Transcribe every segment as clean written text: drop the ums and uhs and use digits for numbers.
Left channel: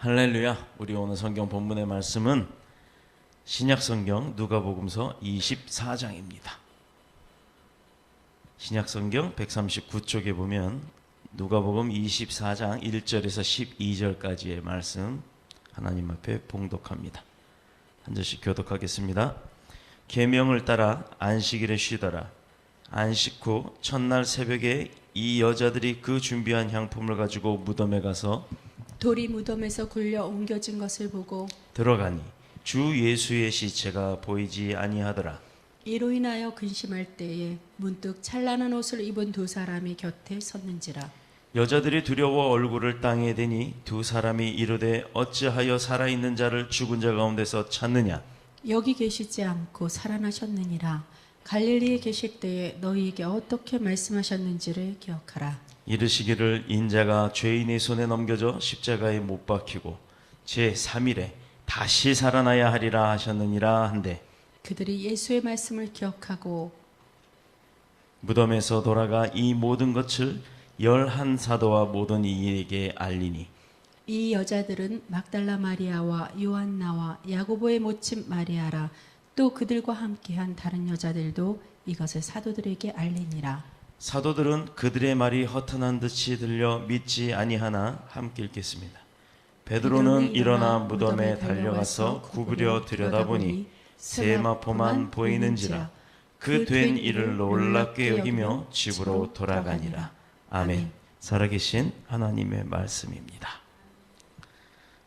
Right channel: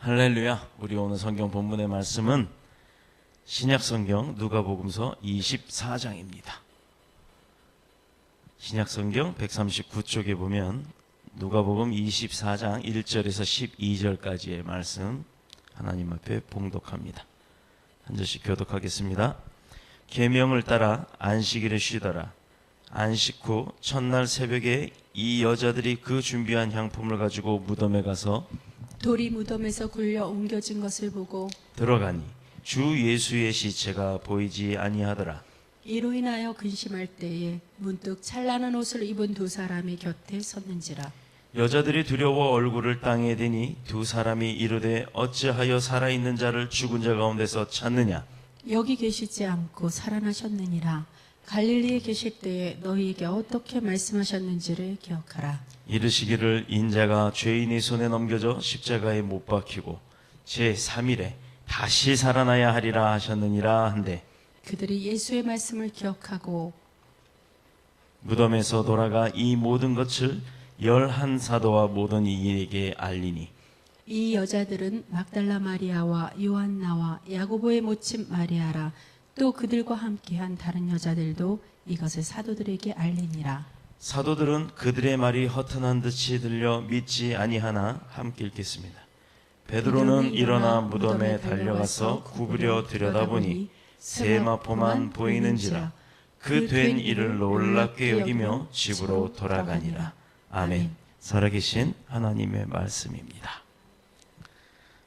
할렐루야. 우리 오늘 성경 본문의 말씀은 신약성경 누가복음서 24장입니다. 신약성경 139쪽에 보면 누가복음 24장 1절에서 12절까지의 말씀 하나님 앞에 봉독합니다. 한 절씩 교독하겠습니다. 계명을 따라 안식일에 쉬더라. 안식 후 첫날 새벽에 이 여자들이 그 준비한 향품을 가지고 무덤에 가서 돌이 무덤에서 굴려 옮겨진 것을 보고 들어가니 주 예수의 시체가 보이지 아니하더라. 이로 인하여 근심할 때에 문득 찬란한 옷을 입은 두 사람이 곁에 섰는지라. 여자들이 두려워 얼굴을 땅에 대니 두 사람이 이르되 어찌하여 살아있는 자를 죽은 자 가운데서 찾느냐. 여기 계시지 않고 살아나셨느니라. 갈릴리에 계실 때에 너희에게 어떻게 말씀하셨는지를 기억하라. 이르시기를 인자가 죄인의 손에 넘겨져 십자가에 못 박히고 제3일에 다시 살아나야 하리라 하셨느니라 한데 그들이 예수의 말씀을 기억하고 무덤에서 돌아가 이 모든 것을 11사도와 모든 이에게 알리니 이 여자들은 막달라 마리아와 요한나와 야고보의 모친 마리아라. 또 그들과 함께한 다른 여자들도 이것을 사도들에게 알리니라. 사도들은 그들의 말이 허탄한 듯이 들려 믿지 아니하나 함께 읽겠습니다. 베드로는 일어나 무덤에 달려가서 구부려 들여다보니 세마포만 보이는지라. 그 된 일을 놀랍게 여기며 집으로 돌아가니라. 아멘. 살아계신 하나님의 말씀입니다.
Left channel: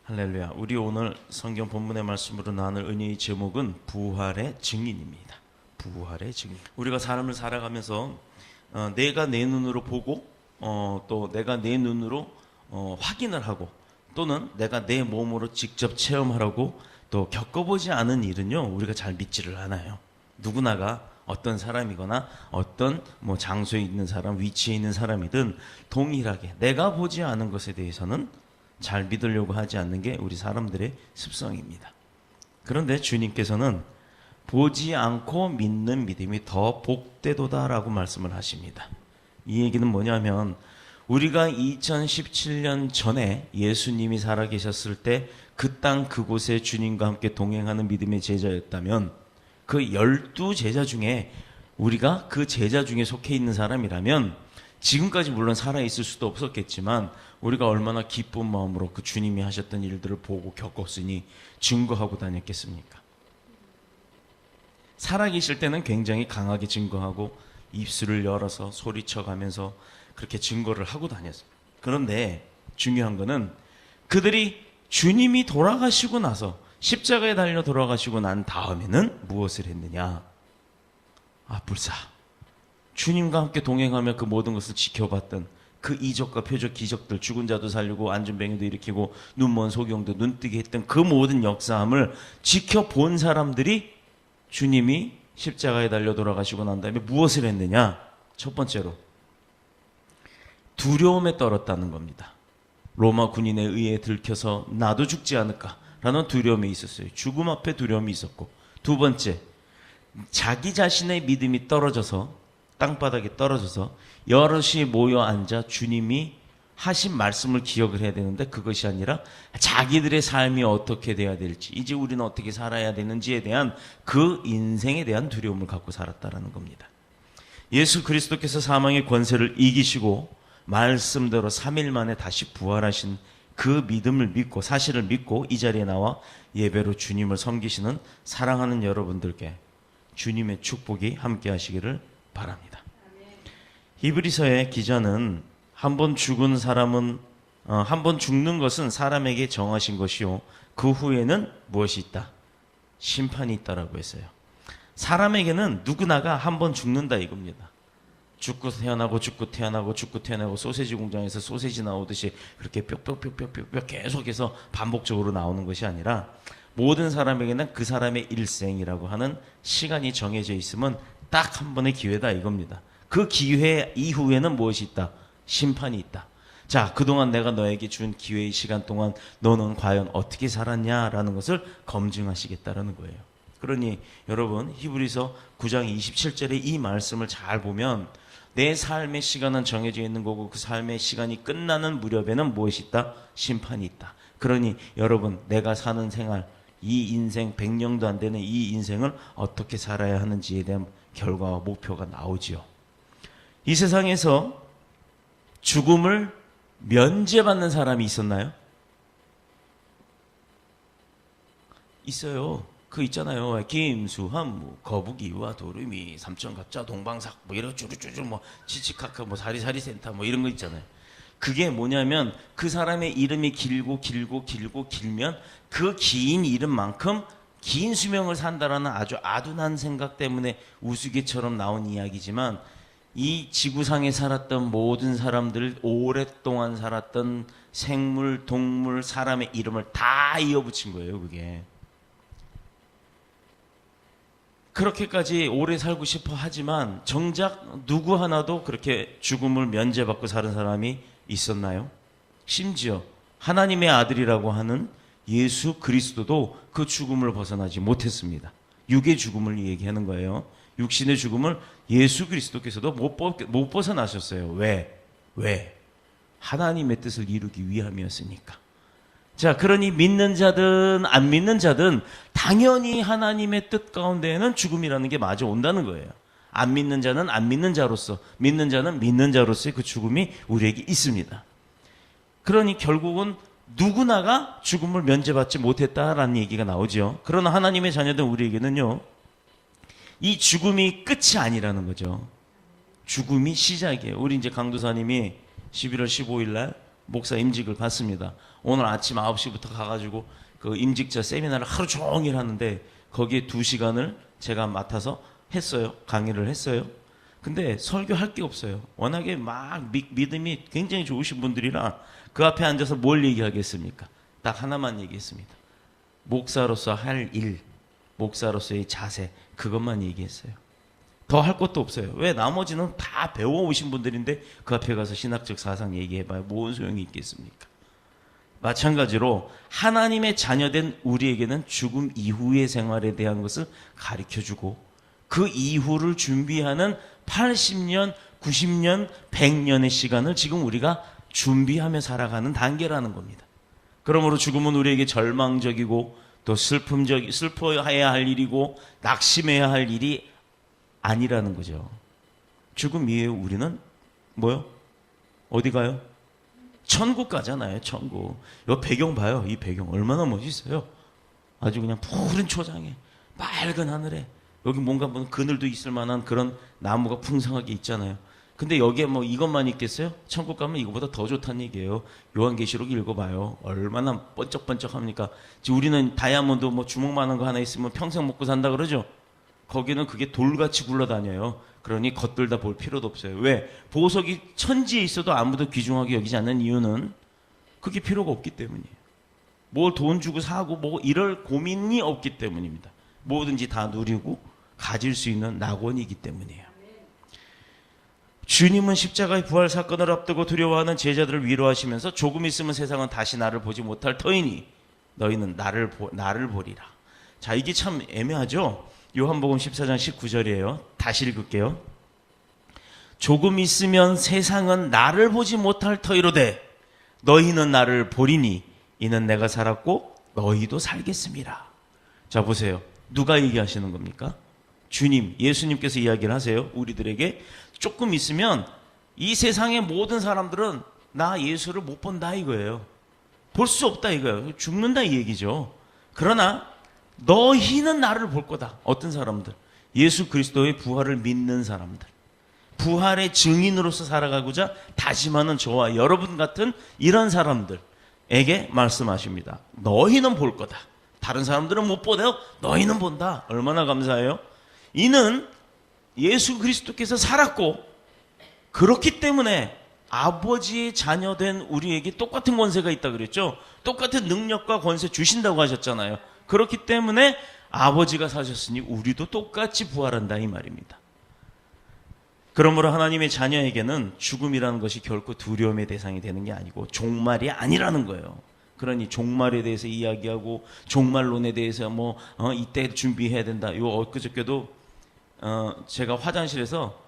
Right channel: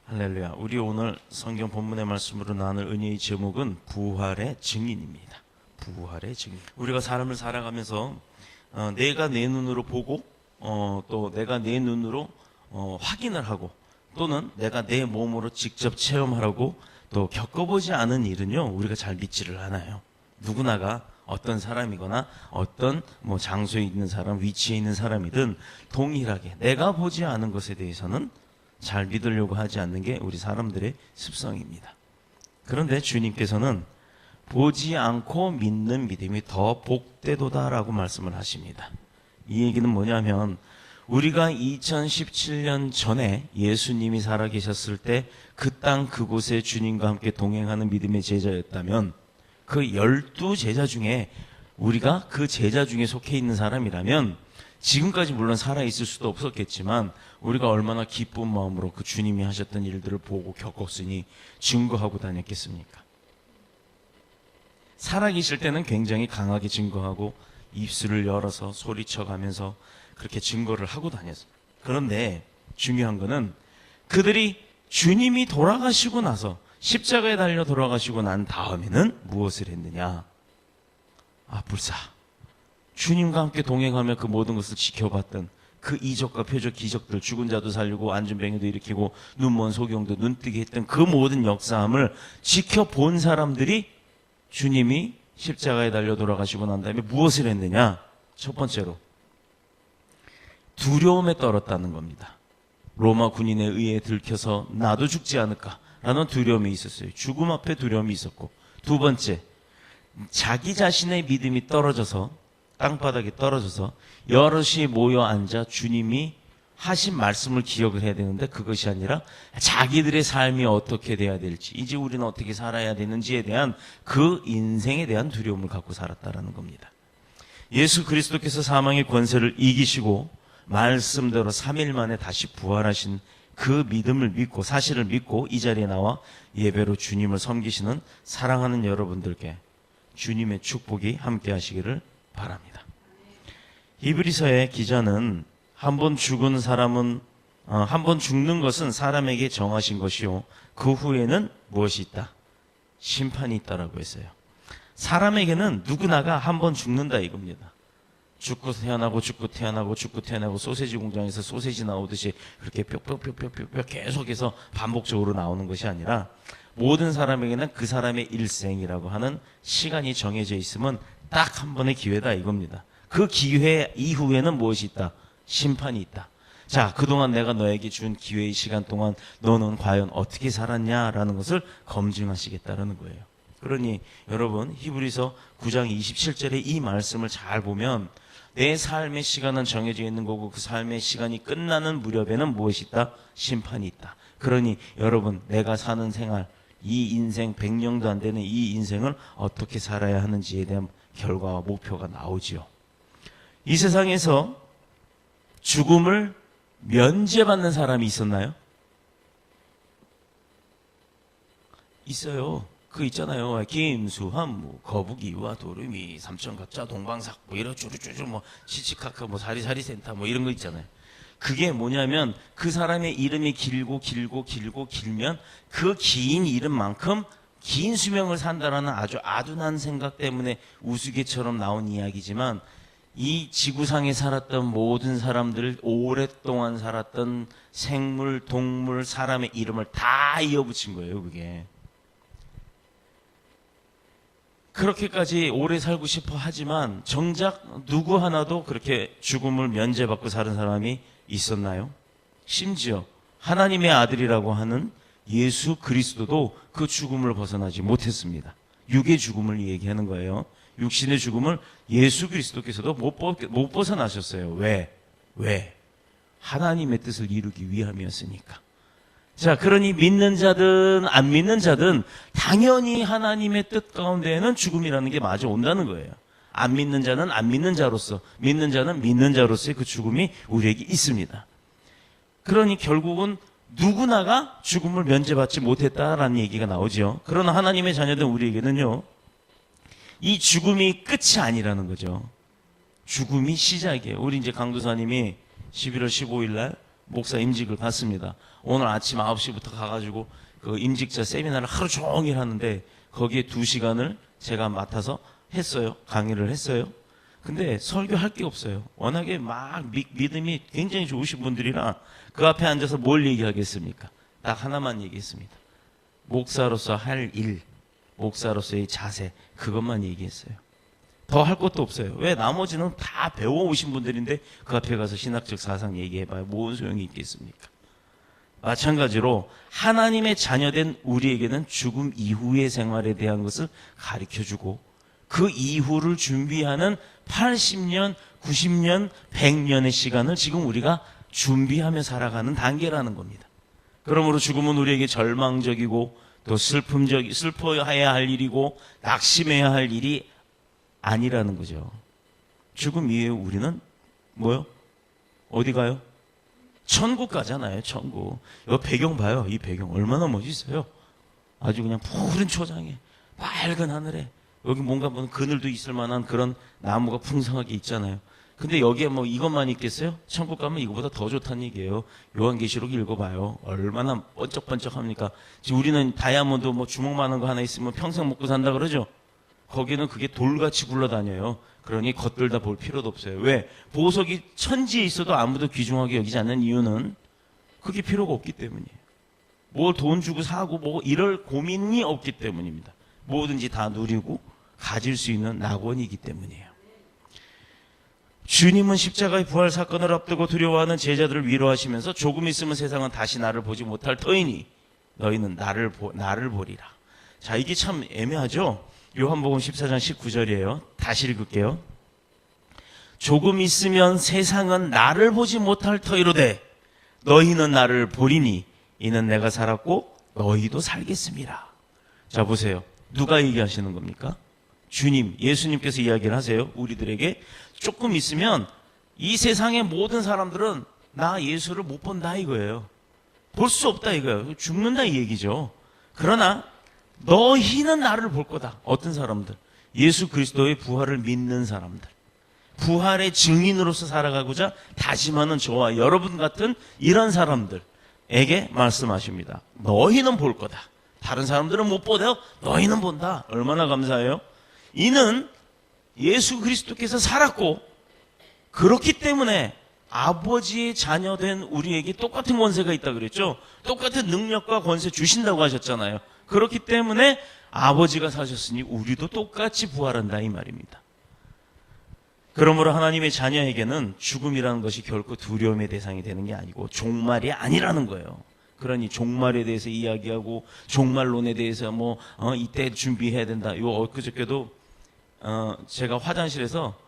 할렐루야. 우리 오늘 성경 본문의 말씀으로 나눌 은혜의 제목은 부활의 증인입니다. 부활의 증인. 우리가 삶을 살아가면서 내가 내 눈으로 보고 또 내가 내 눈으로 확인을 하고 또는 내가 내 몸으로 직접 체험하라고 또 겪어보지 않은 일은요 우리가 잘 믿지를 않아요. 누구나가 어떤 사람이거나 어떤 장소에 있는 사람, 위치에 있는 사람이든 동일하게 내가 보지 않은 것에 대해서는 잘 믿으려고 하지 않는 게 우리 사람들의 습성입니다. 그런데 주님께서는 보지 않고 믿는 믿음이 더 복되도다라고 말씀을 하십니다. 이 얘기는 뭐냐면 우리가 2017년 전에 예수님이 살아계셨을 때 그 땅 그곳에 주님과 함께 동행하는 믿음의 제자였다면 그 12제자 중에 우리가 그 제자 중에 속해 있는 사람이라면 지금까지 물론 살아있을 수도 없었겠지만 우리가 얼마나 기쁜 마음으로 그 주님이 하셨던 일들을 보고 겪었으니 증거하고 다녔겠습니까? 살아계실 때는 굉장히 강하게 증거하고 입술을 열어서 소리쳐가면서 그렇게 증거를 하고 다녔어요. 그런데 중요한 거는 그들이 주님이 돌아가시고 나서 십자가에 달려 돌아가시고 난 다음에는 무엇을 했느냐? 불사. 주님과 함께 동행하며 그 모든 것을 지켜봤던 그 이적과 표적, 기적들, 죽은 자도 살리고 안진뱅이도 일으키고 눈먼 소경도 눈뜨게 했던 그 모든 역사함을 지켜본 사람들이 주님이 십자가에 달려 돌아가시고 난 다음에 무엇을 했느냐? 첫 번째로 두려움에 떨었다는 겁니다. 로마 군인에 의해 들켜서 나도 죽지 않을까라는 두려움이 있었어요. 죽음 앞에 두려움이 있었고, 두 번째 자기 자신의 믿음이 떨어져서 땅바닥에 떨어져서 여럿이 모여 앉아 주님이 하신 말씀을 기억을 해야 되는데 그것이 아니라 자기들의 삶이 어떻게 돼야 될지, 이제 우리는 어떻게 살아야 되는지에 대한 그 인생에 대한 두려움을 갖고 살았다는 겁니다. 예수 그리스도께서 사망의 권세를 이기시고 말씀대로 3일 만에 다시 부활하신 그 믿음을 믿고 사실을 믿고 이 자리에 나와 예배로 주님을 섬기시는 사랑하는 여러분들께 주님의 축복이 함께 하시기를 바랍니다. 히브리서의 기자는 한 번 죽은 사람은 한 번 죽는 것은 사람에게 정하신 것이요 그 후에는 무엇이 있다? 심판이 있다라고 했어요. 사람에게는 누구나가 한 번 죽는다 이겁니다. 죽고 태어나고 죽고 태어나고 죽고 태어나고 소세지 공장에서 소세지 나오듯이 그렇게 뿅뿅뿅뿅뿅 계속해서 반복적으로 나오는 것이 아니라 모든 사람에게는 그 사람의 일생이라고 하는 시간이 정해져 있으면 딱 한 번의 기회다 이겁니다. 그 기회 이후에는 무엇이 있다? 심판이 있다. 자, 그동안 내가 너에게 준 기회의 시간 동안 너는 과연 어떻게 살았냐라는 것을 검증하시겠다는 거예요. 그러니 여러분 히브리서 9장 27절의 이 말씀을 잘 보면 내 삶의 시간은 정해져 있는 거고 그 삶의 시간이 끝나는 무렵에는 무엇이 있다? 심판이 있다. 그러니 여러분, 내가 사는 생활, 이 인생 100년도 안 되는 이 인생을 어떻게 살아야 하는지에 대한 결과와 목표가 나오지요. 이 세상에서 죽음을 면제받는 사람이 있었나요? 있어요. 그 있잖아요. 김수환, 뭐 거북이와 도루미, 삼천갑자, 동방삭, 뭐 이런 쭈루쭈루, 뭐 치치카카, 뭐 사리사리 센터, 뭐 이런 거 있잖아요. 그게 뭐냐면 그 사람의 이름이 길고 길면 그 긴 이름만큼 긴 수명을 산다라는 아주 아둔한 생각 때문에 우스개처럼 나온 이야기지만, 이 지구상에 살았던 모든 사람들, 오랫동안 살았던 생물, 동물, 사람의 이름을 다 이어붙인 거예요, 그게. 그렇게까지 오래 살고 싶어 하지만 정작 누구 하나도 그렇게 죽음을 면제받고 사는 사람이 있었나요? 심지어 하나님의 아들이라고 하는 예수 그리스도도 그 죽음을 벗어나지 못했습니다. 육의 죽음을 얘기하는 거예요. 육신의 죽음을 예수 그리스도께서도 못 벗어나셨어요. 왜? 하나님의 뜻을 이루기 위함이었으니까. 자, 그러니 믿는 자든 안 믿는 자든 당연히 하나님의 뜻 가운데에는 죽음이라는 게 마주 온다는 거예요. 안 믿는 자는 안 믿는 자로서, 믿는 자는 믿는 자로서의 그 죽음이 우리에게 있습니다. 그러니 결국은 누구나가 죽음을 면제받지 못했다라는 얘기가 나오죠. 그러나 하나님의 자녀된 우리에게는요, 이 죽음이 끝이 아니라는 거죠. 죽음이 시작이에요. 우리 이제 강도사님이 11월 15일 날 목사 임직을 받습니다. 오늘 아침 9시부터 가가지고 그 임직자 세미나를 하루 종일 하는데 거기에 2시간을 제가 맡아서 했어요. 강의를 했어요. 근데 설교할 게 없어요. 워낙에 막 믿음이 굉장히 좋으신 분들이라 그 앞에 앉아서 뭘 얘기하겠습니까? 딱 하나만 얘기했습니다. 목사로서 할 일, 목사로서의 자세, 그것만 얘기했어요. 더 할 것도 없어요. 왜? 나머지는 다 배워오신 분들인데 그 앞에 가서 신학적 사상 얘기해봐요. 뭔 소용이 있겠습니까? 마찬가지로 하나님의 자녀된 우리에게는 죽음 이후의 생활에 대한 것을 가르쳐주고 그 이후를 준비하는 80년, 90년, 100년의 시간을 지금 우리가 준비하며 살아가는 단계라는 겁니다. 그러므로 죽음은 우리에게 절망적이고 또 슬퍼해야 할 일이고 낙심해야 할 일이 아니라는 거죠. 죽음 이후에 우리는 뭐요? 어디 가요? 천국 가잖아요. 천국. 이 배경 봐요. 이 배경 얼마나 멋있어요. 아주 그냥 푸른 초장에 맑은 하늘에 여기 뭔가 뭐 그늘도 있을 만한 그런 나무가 풍성하게 있잖아요. 근데 여기에 뭐 이것만 있겠어요? 천국 가면 이거보다 더 좋다는 얘기예요. 요한계시록 읽어봐요. 얼마나 번쩍번쩍합니까? 지금 우리는 다이아몬드 뭐 주먹만한 거 하나 있으면 평생 먹고 산다 그러죠. 거기는 그게 돌같이 굴러다녀요. 그러니 겉들다 볼 필요도 없어요. 왜? 보석이 천지에 있어도 아무도 귀중하게 여기지 않는 이유는 그게 필요가 없기 때문이에요. 뭘 돈 주고 사고 뭐 이럴 고민이 없기 때문입니다. 뭐든지 다 누리고 가질 수 있는 낙원이기 때문이에요. 주님은 십자가의 부활 사건을 앞두고 두려워하는 제자들을 위로하시면서 조금 있으면 세상은 다시 나를 보지 못할 터이니 너희는 나를 보리라. 자, 이게 참 애매하죠? 요한복음 14장 19절이에요. 다시 읽을게요. 조금 있으면 세상은 나를 보지 못할 터이로되 너희는 나를 보리니 이는 내가 살았고 너희도 살겠습니다. 자, 보세요. 누가 얘기하시는 겁니까? 주님, 예수님께서 이야기를 하세요. 우리들에게 조금 있으면 이 세상의 모든 사람들은 나 예수를 못 본다 이거예요. 볼 수 없다 이거예요. 죽는다 이 얘기죠. 그러나 너희는 나를 볼 거다. 어떤 사람들? 예수 그리스도의 부활을 믿는 사람들. 부활의 증인으로서 살아가고자 다짐하는 저와 여러분 같은 이런 사람들에게 말씀하십니다. 너희는 볼 거다. 다른 사람들은 못 보대요. 너희는 본다. 얼마나 감사해요. 이는 예수 그리스도께서 살았고 그렇기 때문에 아버지의 자녀된 우리에게 똑같은 권세가 있다 그랬죠. 똑같은 능력과 권세 주신다고 하셨잖아요. 그렇기 때문에 아버지가 사셨으니 우리도 똑같이 부활한다 이 말입니다. 그러므로 하나님의 자녀에게는 죽음이라는 것이 결코 두려움의 대상이 되는 게 아니고 종말이 아니라는 거예요. 그러니 종말에 대해서 이야기하고 종말론에 대해서 이때 준비해야 된다. 요 엊그저께도 제가 화장실에서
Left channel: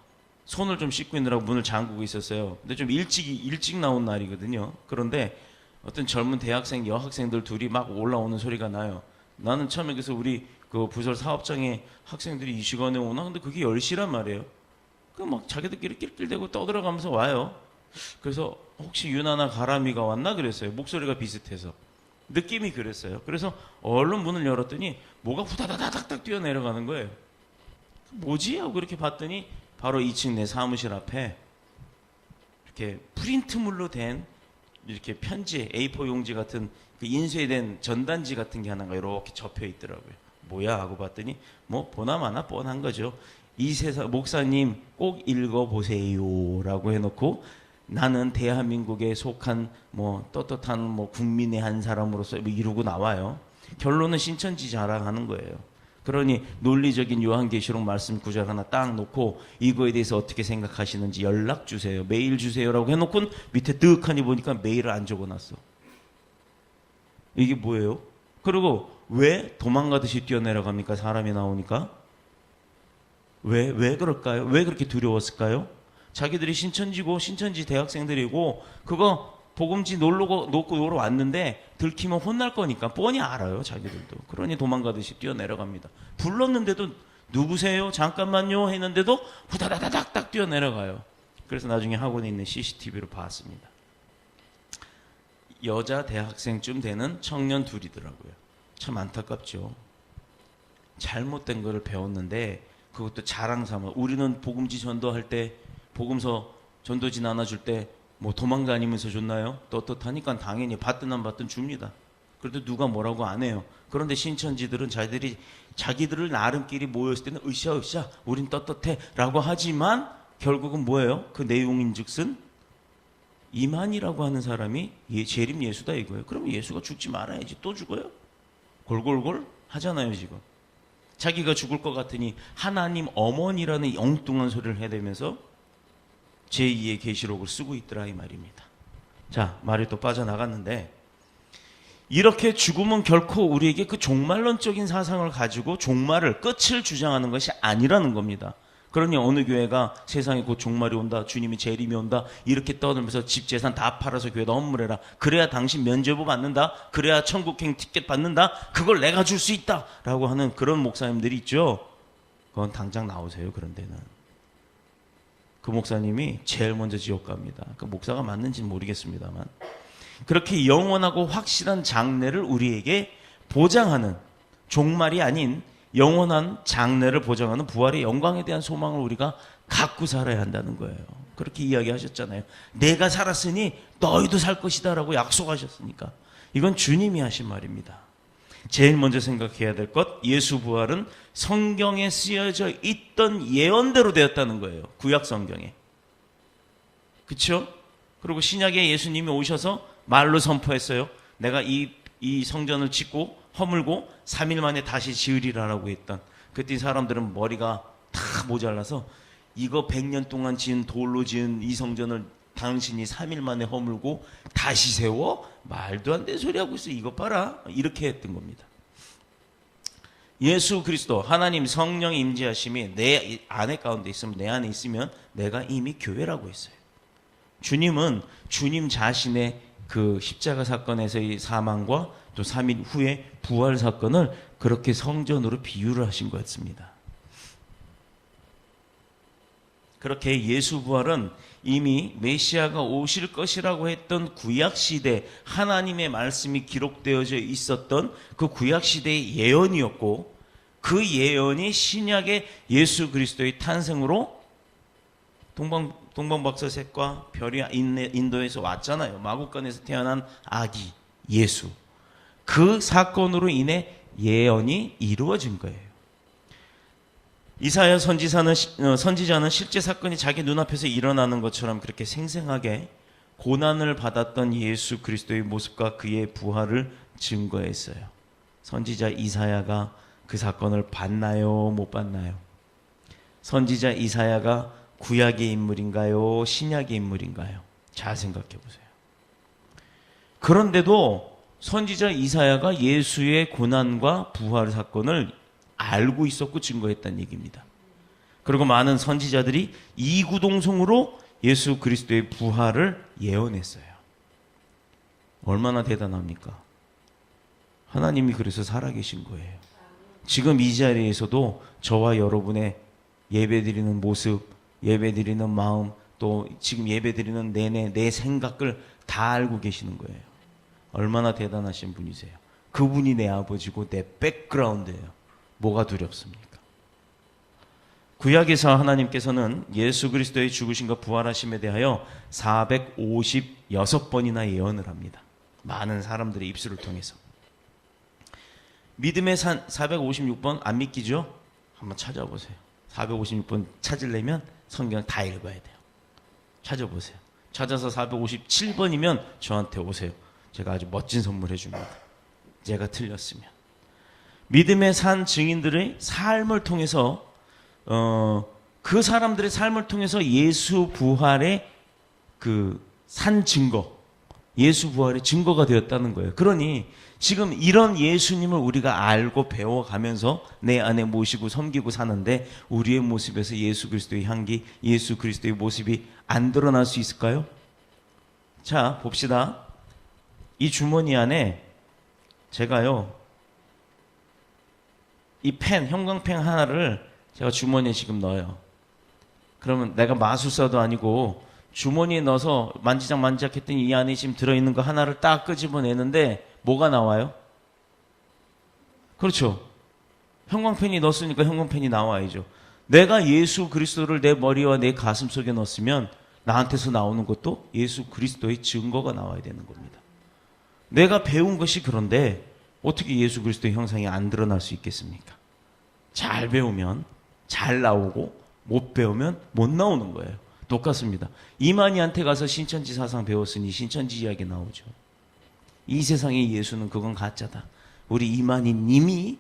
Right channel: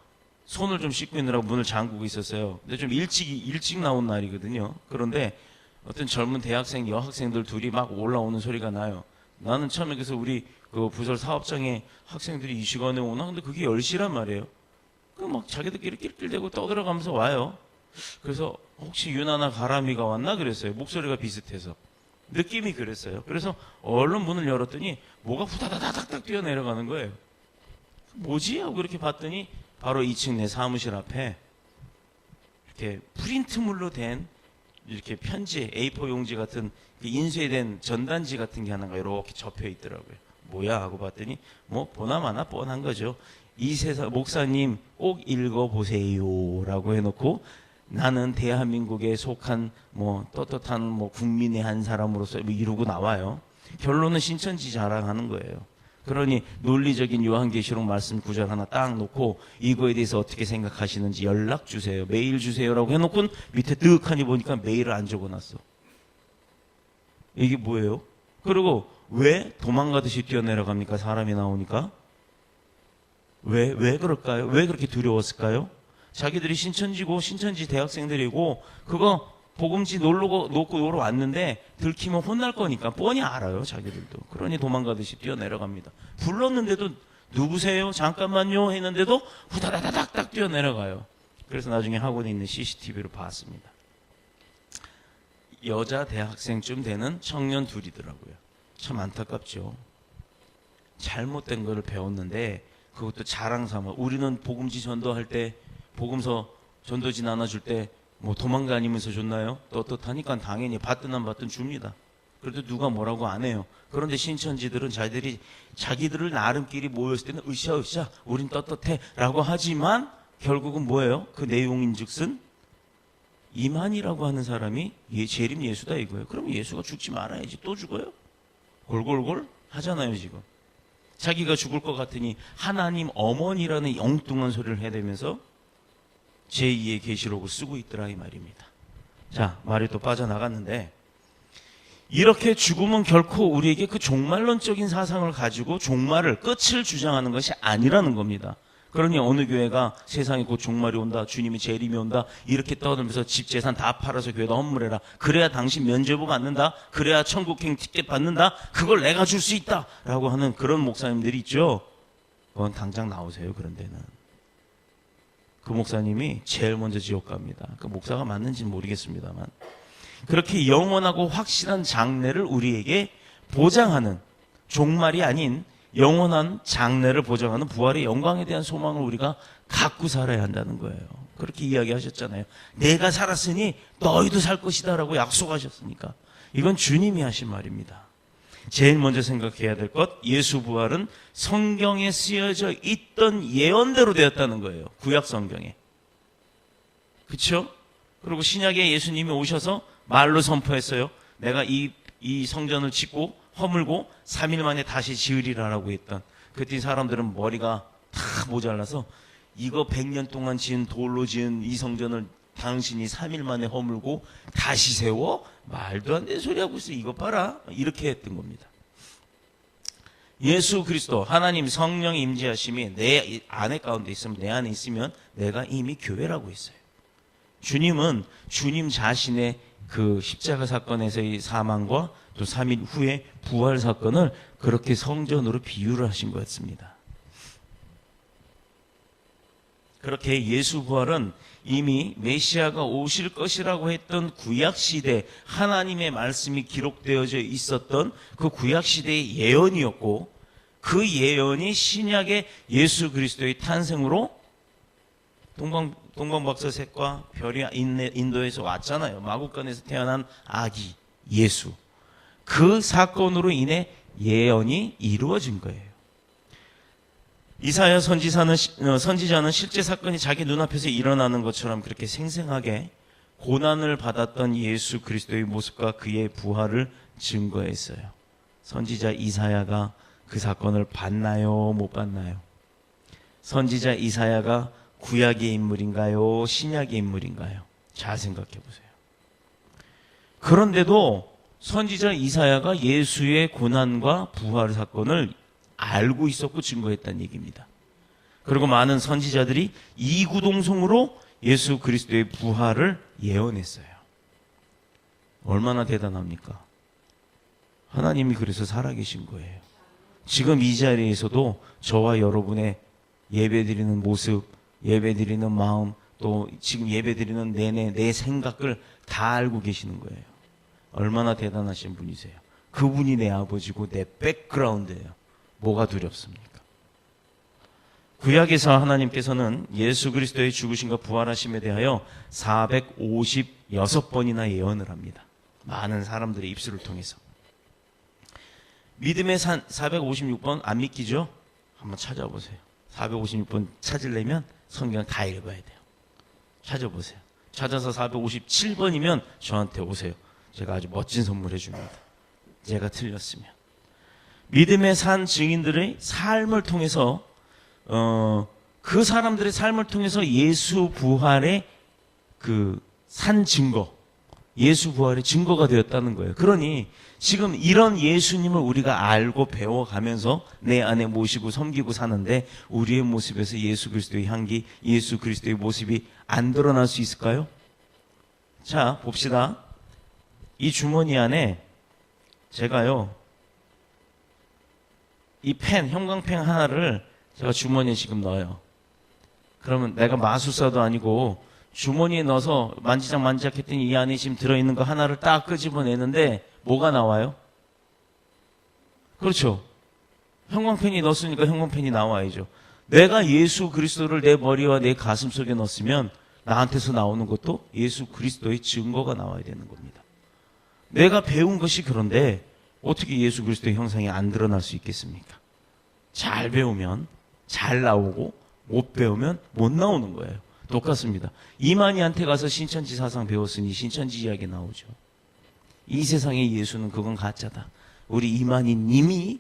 손을 좀 씻고 있느라고 문을 잠그고 있었어요. 근데 좀 일찍 나온 날이거든요. 그런데 어떤 젊은 대학생, 여학생들 둘이 막 올라오는 소리가 나요. 나는 처음에 그래서 우리 그 부설 사업장에 학생들이 이 시간에 오나? 근데 그게 10시란 말이에요. 그 막 자기들끼리 낄낄대고 떠들어가면서 와요. 그래서 혹시 유나나 가람이가 왔나 그랬어요. 목소리가 비슷해서. 느낌이 그랬어요. 그래서 얼른 문을 열었더니 뭐가 후다다닥닥 뛰어내려가는 거예요. 뭐지? 하고 이렇게 봤더니 바로 2층 내 사무실 앞에 이렇게 프린트물로 된 이렇게 편지, A4 용지 같은 그 인쇄된 전단지 같은 게 하나가 이렇게 접혀 있더라고요. 뭐야? 하고 봤더니 뭐 보나마나 뻔한 거죠. 이세사 목사님 꼭 읽어보세요 라고 해놓고 나는 대한민국에 속한 뭐 떳떳한 뭐 국민의 한 사람으로서 이러고 나와요. 결론은 신천지 자랑하는 거예요. 그러니 논리적인 요한계시록 말씀 구절 하나 딱 놓고 이거에 대해서 어떻게 생각하시는지 연락 주세요. 메일 주세요라고 해놓고 밑에 뜨악하니 보니까 메일을 안 적어놨어. 이게 뭐예요? 그리고 왜 도망가듯이 뛰어내려갑니까? 사람이 나오니까. 왜 그럴까요? 왜 그렇게 두려웠을까요? 자기들이 신천지고 신천지 대학생들이고 그거 복음지 놓고 놀러 왔는데 들키면 혼날 거니까 뻔히 알아요. 자기들도. 그러니 도망가듯이 뛰어내려갑니다. 불렀는데도 누구세요? 잠깐만요 했는데도 후다다닥닥 뛰어내려가요. 그래서 나중에 학원에 있는 CCTV를 봤습니다. 여자 대학생쯤 되는 청년 둘이더라고요. 참 안타깝죠. 잘못된 걸 배웠는데 그것도 자랑삼아. 우리는 복음지 전도할 때 복음서 전도지 나눠줄 때 뭐 도망다니면서 줬나요? 떳떳하니까 당연히 받든 안 받든 줍니다. 그래도 누가 뭐라고 안 해요. 그런데 신천지들은 자기들을 나름끼리 모였을 때는 으쌰으쌰 우린 떳떳해 라고 하지만 결국은 뭐예요? 그 내용인즉슨 이만이라고 하는 사람이 재림 예수다 이거예요. 그럼 예수가 죽지 말아야지. 또 죽어요? 골골골 하잖아요 지금. 자기가 죽을 것 같으니 하나님 어머니라는 엉뚱한 소리를 해대면서 제2의 계시록을 쓰고 있더라 이 말입니다. 자, 말이 또 빠져나갔는데 이렇게 죽음은 결코 우리에게 그 종말론적인 사상을 가지고 종말을 끝을 주장하는 것이 아니라는 겁니다. 그러니 어느 교회가 세상에 곧 종말이 온다, 주님이 재림이 온다 이렇게 떠들면서 집 재산 다 팔아서 교회에 헌물해라. 그래야 당신 면죄부 받는다. 그래야 천국행 티켓 받는다. 그걸 내가 줄 수 있다 라고 하는 그런 목사님들이 있죠. 그건 당장 나오세요. 그런 데는. 그 목사님이 제일 먼저 지옥 갑니다. 그 목사가 맞는지는 모르겠습니다만 그렇게 영원하고 확실한 장래를 우리에게 보장하는 종말이 아닌 영원한 장래를 보장하는 부활의 영광에 대한 소망을 우리가 갖고 살아야 한다는 거예요. 그렇게 이야기하셨잖아요. 내가 살았으니 너희도 살 것이다 라고 약속하셨으니까 이건 주님이 하신 말입니다. 제일 먼저 생각해야 될 것, 예수 부활은 성경에 쓰여져 있던 예언대로 되었다는 거예요. 구약 성경에. 그렇죠? 그리고 신약에 예수님이 오셔서 말로 선포했어요. 내가 이 성전을 짓고 허물고 3일 만에 다시 지으리라라고 했던. 그때 사람들은 머리가 다 모자라서 이거 100년 동안 지은 돌로 지은 이 성전을 당신이 3일 만에 허물고 다시 세워? 말도 안 되는 소리 하고 있어. 이거 봐라. 이렇게 했던 겁니다. 예수 그리스도 하나님 성령의 임재하심이 내 안에 가운데 있으면 내 안에 있으면 내가 이미 교회라고 했어요. 주님은 주님 자신의 그 십자가 사건에서의 사망과 또 3일 후에 부활 사건을 그렇게 성전으로 비유를 하신 것 같습니다. 그렇게 예수 부활은 이미 메시아가 오실 것이라고 했던 구약시대 하나님의 말씀이 기록되어져 있었던 그 구약시대의 예언이었고 그 예언이 신약의 예수 그리스도의 탄생으로 동방박사색과 별이 인도에서 왔잖아요. 마구간에서 태어난 아기 예수. 그 사건으로 인해 예언이 이루어진 거예요. 이사야 선지자는 실제 사건이 자기 눈앞에서 일어나는 것처럼 그렇게 생생하게 고난을 받았던 예수 그리스도의 모습과 그의 부활을 증거했어요. 선지자 이사야가 그 사건을 봤나요? 못 봤나요? 선지자 이사야가 구약의 인물인가요? 신약의 인물인가요? 잘 생각해 보세요. 그런데도 선지자 이사야가 예수의 고난과 부활 사건을 알고 있었고 증거했다는 얘기입니다. 그리고 많은 선지자들이 이구동성으로 예수 그리스도의 부활을 예언했어요. 얼마나 대단합니까? 하나님이 그래서 살아계신 거예요. 지금 이 자리에서도 저와 여러분의 예배드리는 모습, 예배드리는 마음, 또 지금 예배드리는 내내 내 생각을 다 알고 계시는 거예요. 얼마나 대단하신 분이세요. 그분이 내 아버지고 내 백그라운드예요. 뭐가 두렵습니까? 구약에서 하나님께서는 예수 그리스도의 죽으심과 부활하심에 대하여 456번이나 예언을 합니다. 많은 사람들의 입술을 통해서. 믿음의 산 456번 안 믿기죠? 한번 찾아보세요. 456번 찾으려면 성경을 다 읽어야 돼요. 찾아보세요. 찾아서 457번이면 저한테 오세요. 제가 아주 멋진 선물 해줍니다. 제가 틀렸으면. 믿음의 산 증인들의 삶을 통해서 그 사람들의 삶을 통해서 예수 부활의 그 산 증거, 예수 부활의 증거가 되었다는 거예요. 그러니 지금 이런 예수님을 우리가 알고 배워가면서 내 안에 모시고 섬기고 사는데 우리의 모습에서 예수 그리스도의 향기, 예수 그리스도의 모습이 안 드러날 수 있을까요? 자, 봅시다. 이 주머니 안에 제가요, 이 펜, 형광펜 하나를 제가 주머니에 지금 넣어요. 그러면 내가 마술사도 아니고 주머니에 넣어서 만지작 했더니 이 안에 지금 들어있는 거 하나를 딱 끄집어내는데 뭐가 나와요? 그렇죠. 형광펜이 넣었으니까 형광펜이 나와야죠. 내가 예수 그리스도를 내 머리와 내 가슴 속에 넣었으면 나한테서 나오는 것도 예수 그리스도의 증거가 나와야 되는 겁니다. 내가 배운 것이 그런데 어떻게 예수 그리스도의 형상이 안 드러날 수 있겠습니까? 잘 배우면 잘 나오고 못 배우면 못 나오는 거예요. 똑같습니다. 이만희한테 가서 신천지 사상 배웠으니 신천지 이야기 나오죠. 이 세상의 예수는 그건 가짜다. 우리 이만희 님이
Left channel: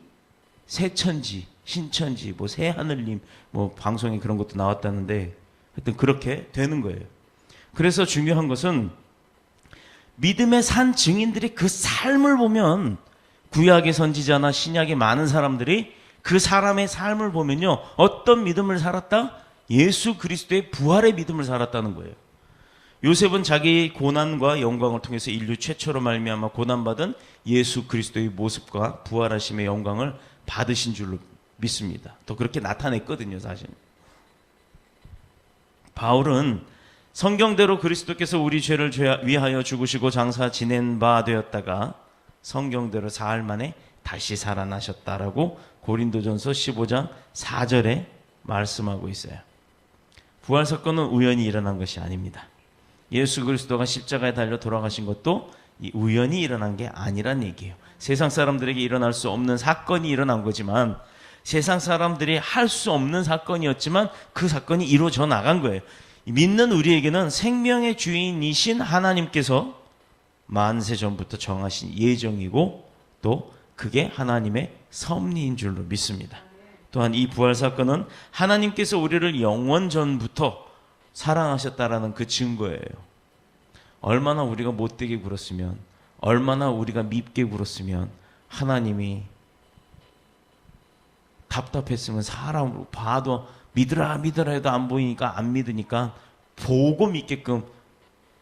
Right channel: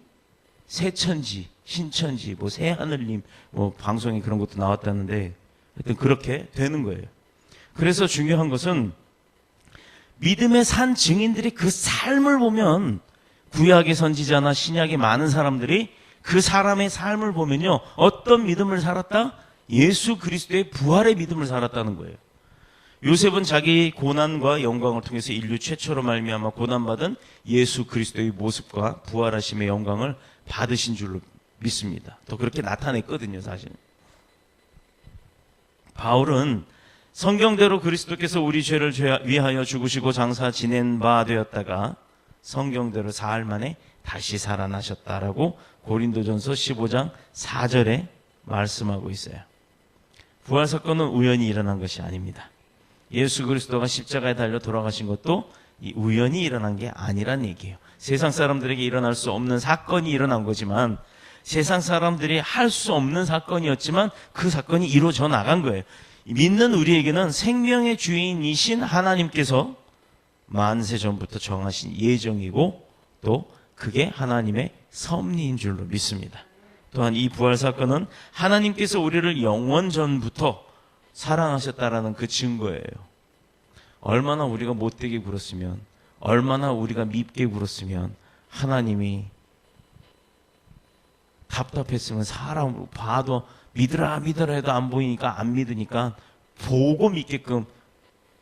새천지, 신천지, 뭐 새하늘님, 뭐 방송에 그런 것도 나왔다는데 하여튼 그렇게 되는 거예요. 그래서 중요한 것은 믿음의 산 증인들이 그 삶을 보면 구약의 선지자나 신약의 많은 사람들이 그 사람의 삶을 보면요. 어떤 믿음을 살았다? 예수 그리스도의 부활의 믿음을 살았다는 거예요. 요셉은 자기 고난과 영광을 통해서 인류 최초로 말미암아 고난받은 예수 그리스도의 모습과 부활하심의 영광을 받으신 줄로 믿습니다. 또 그렇게 나타냈거든요, 사실. 바울은 성경대로 그리스도께서 우리 죄를 위하여 죽으시고 장사 지낸 바 되었다가 성경대로 사흘 만에 다시 살아나셨다라고 고린도전서 15장 4절에 말씀하고 있어요. 부활 사건은 우연히 일어난 것이 아닙니다. 예수 그리스도가 십자가에 달려 돌아가신 것도 우연히 일어난 게 아니란 얘기예요. 세상 사람들에게 일어날 수 없는 사건이 일어난 거지만 세상 사람들이 할 수 없는 사건이었지만 그 사건이 이루어져 나간 거예요. 믿는 우리에게는 생명의 주인이신 하나님께서 만세 전부터 정하신 예정이고 또 그게 하나님의 섭리인 줄로 믿습니다. 또한 이 부활 사건은 하나님께서 우리를 영원 전부터 사랑하셨다라는 그 증거예요. 얼마나 우리가 못되게 굴었으면, 얼마나 우리가 밉게 굴었으면 하나님이 답답했으면 사람으로 봐도 믿으라 해도 안 보이니까 안 믿으니까 보고 믿게끔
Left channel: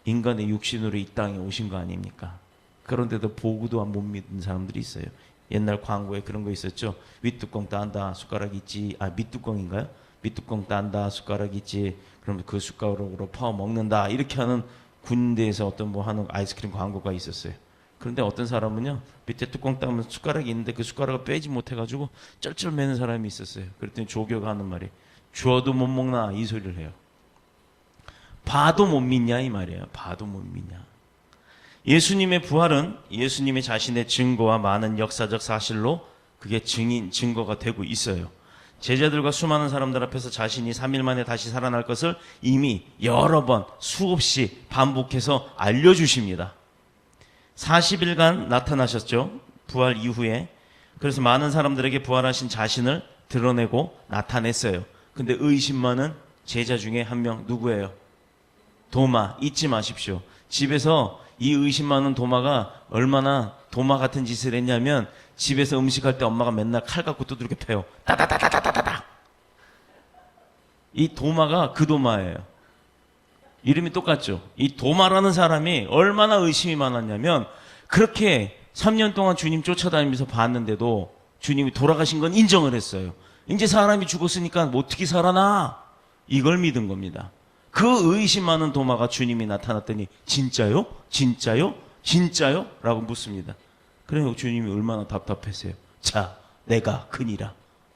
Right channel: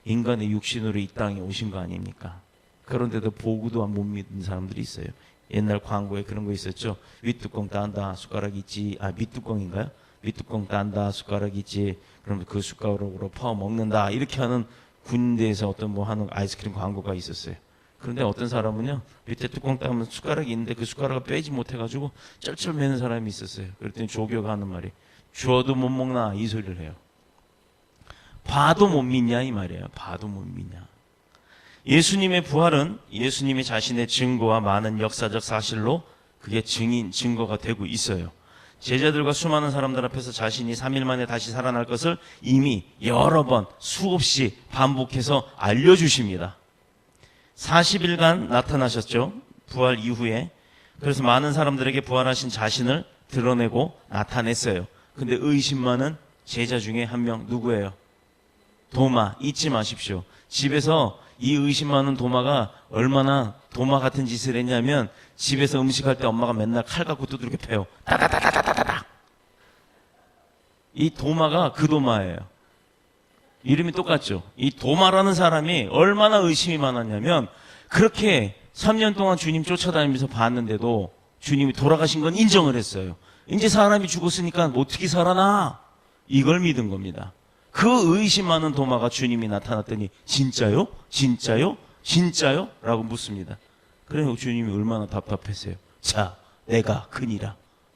인간의 육신으로 이 땅에 오신 거 아닙니까? 그런데도 보고도 못 믿는 사람들이 있어요. 옛날 광고에 그런 거 있었죠. 윗뚜껑 딴다 숟가락 있지. 밑뚜껑인가요? 밑뚜껑 딴다 숟가락 있지. 그럼 그 숟가락으로 퍼 먹는다. 이렇게 하는 군대에서 어떤 뭐 하는 아이스크림 광고가 있었어요. 그런데 어떤 사람은요, 밑에 뚜껑 따면 숟가락이 있는데 그 숟가락을 빼지 못해가지고 쩔쩔 매는 사람이 있었어요. 그랬더니 조교가 하는 말이 주어도 못 먹나 이 소리를 해요. 봐도 못 믿냐 이 말이에요. 봐도 못 믿냐. 예수님의 부활은 예수님의 자신의 증거와 많은 역사적 사실로 그게 증거가 되고 있어요. 제자들과 수많은 사람들 앞에서 자신이 3일 만에 다시 살아날 것을 이미 여러 번 수없이 반복해서 알려주십니다. 40일간 나타나셨죠. 부활 이후에. 그래서 많은 사람들에게 부활하신 자신을 드러내고 나타냈어요. 근데 의심 많은 제자 중에 한 명 누구예요? 도마. 잊지 마십시오. 집에서 이 의심 많은 도마가 얼마나 도마 같은 짓을 했냐면 집에서 음식할 때 엄마가 맨날 칼 갖고 두들겨 패요. 따다다다다다다. 이 도마가 그 도마예요. 이름이 똑같죠. 이 도마라는 사람이 얼마나 의심이 많았냐면 그렇게 3년 동안 주님 쫓아다니면서 봤는데도 주님이 돌아가신 건 인정을 했어요. 이제 사람이 죽었으니까 뭐 어떻게 살아나? 이걸 믿은 겁니다. 그 의심 많은 도마가 주님이 나타났더니 진짜요? 진짜요? 진짜요? 라고 묻습니다. 그래서 주님이 얼마나 답답했어요. 자, 내가 그니라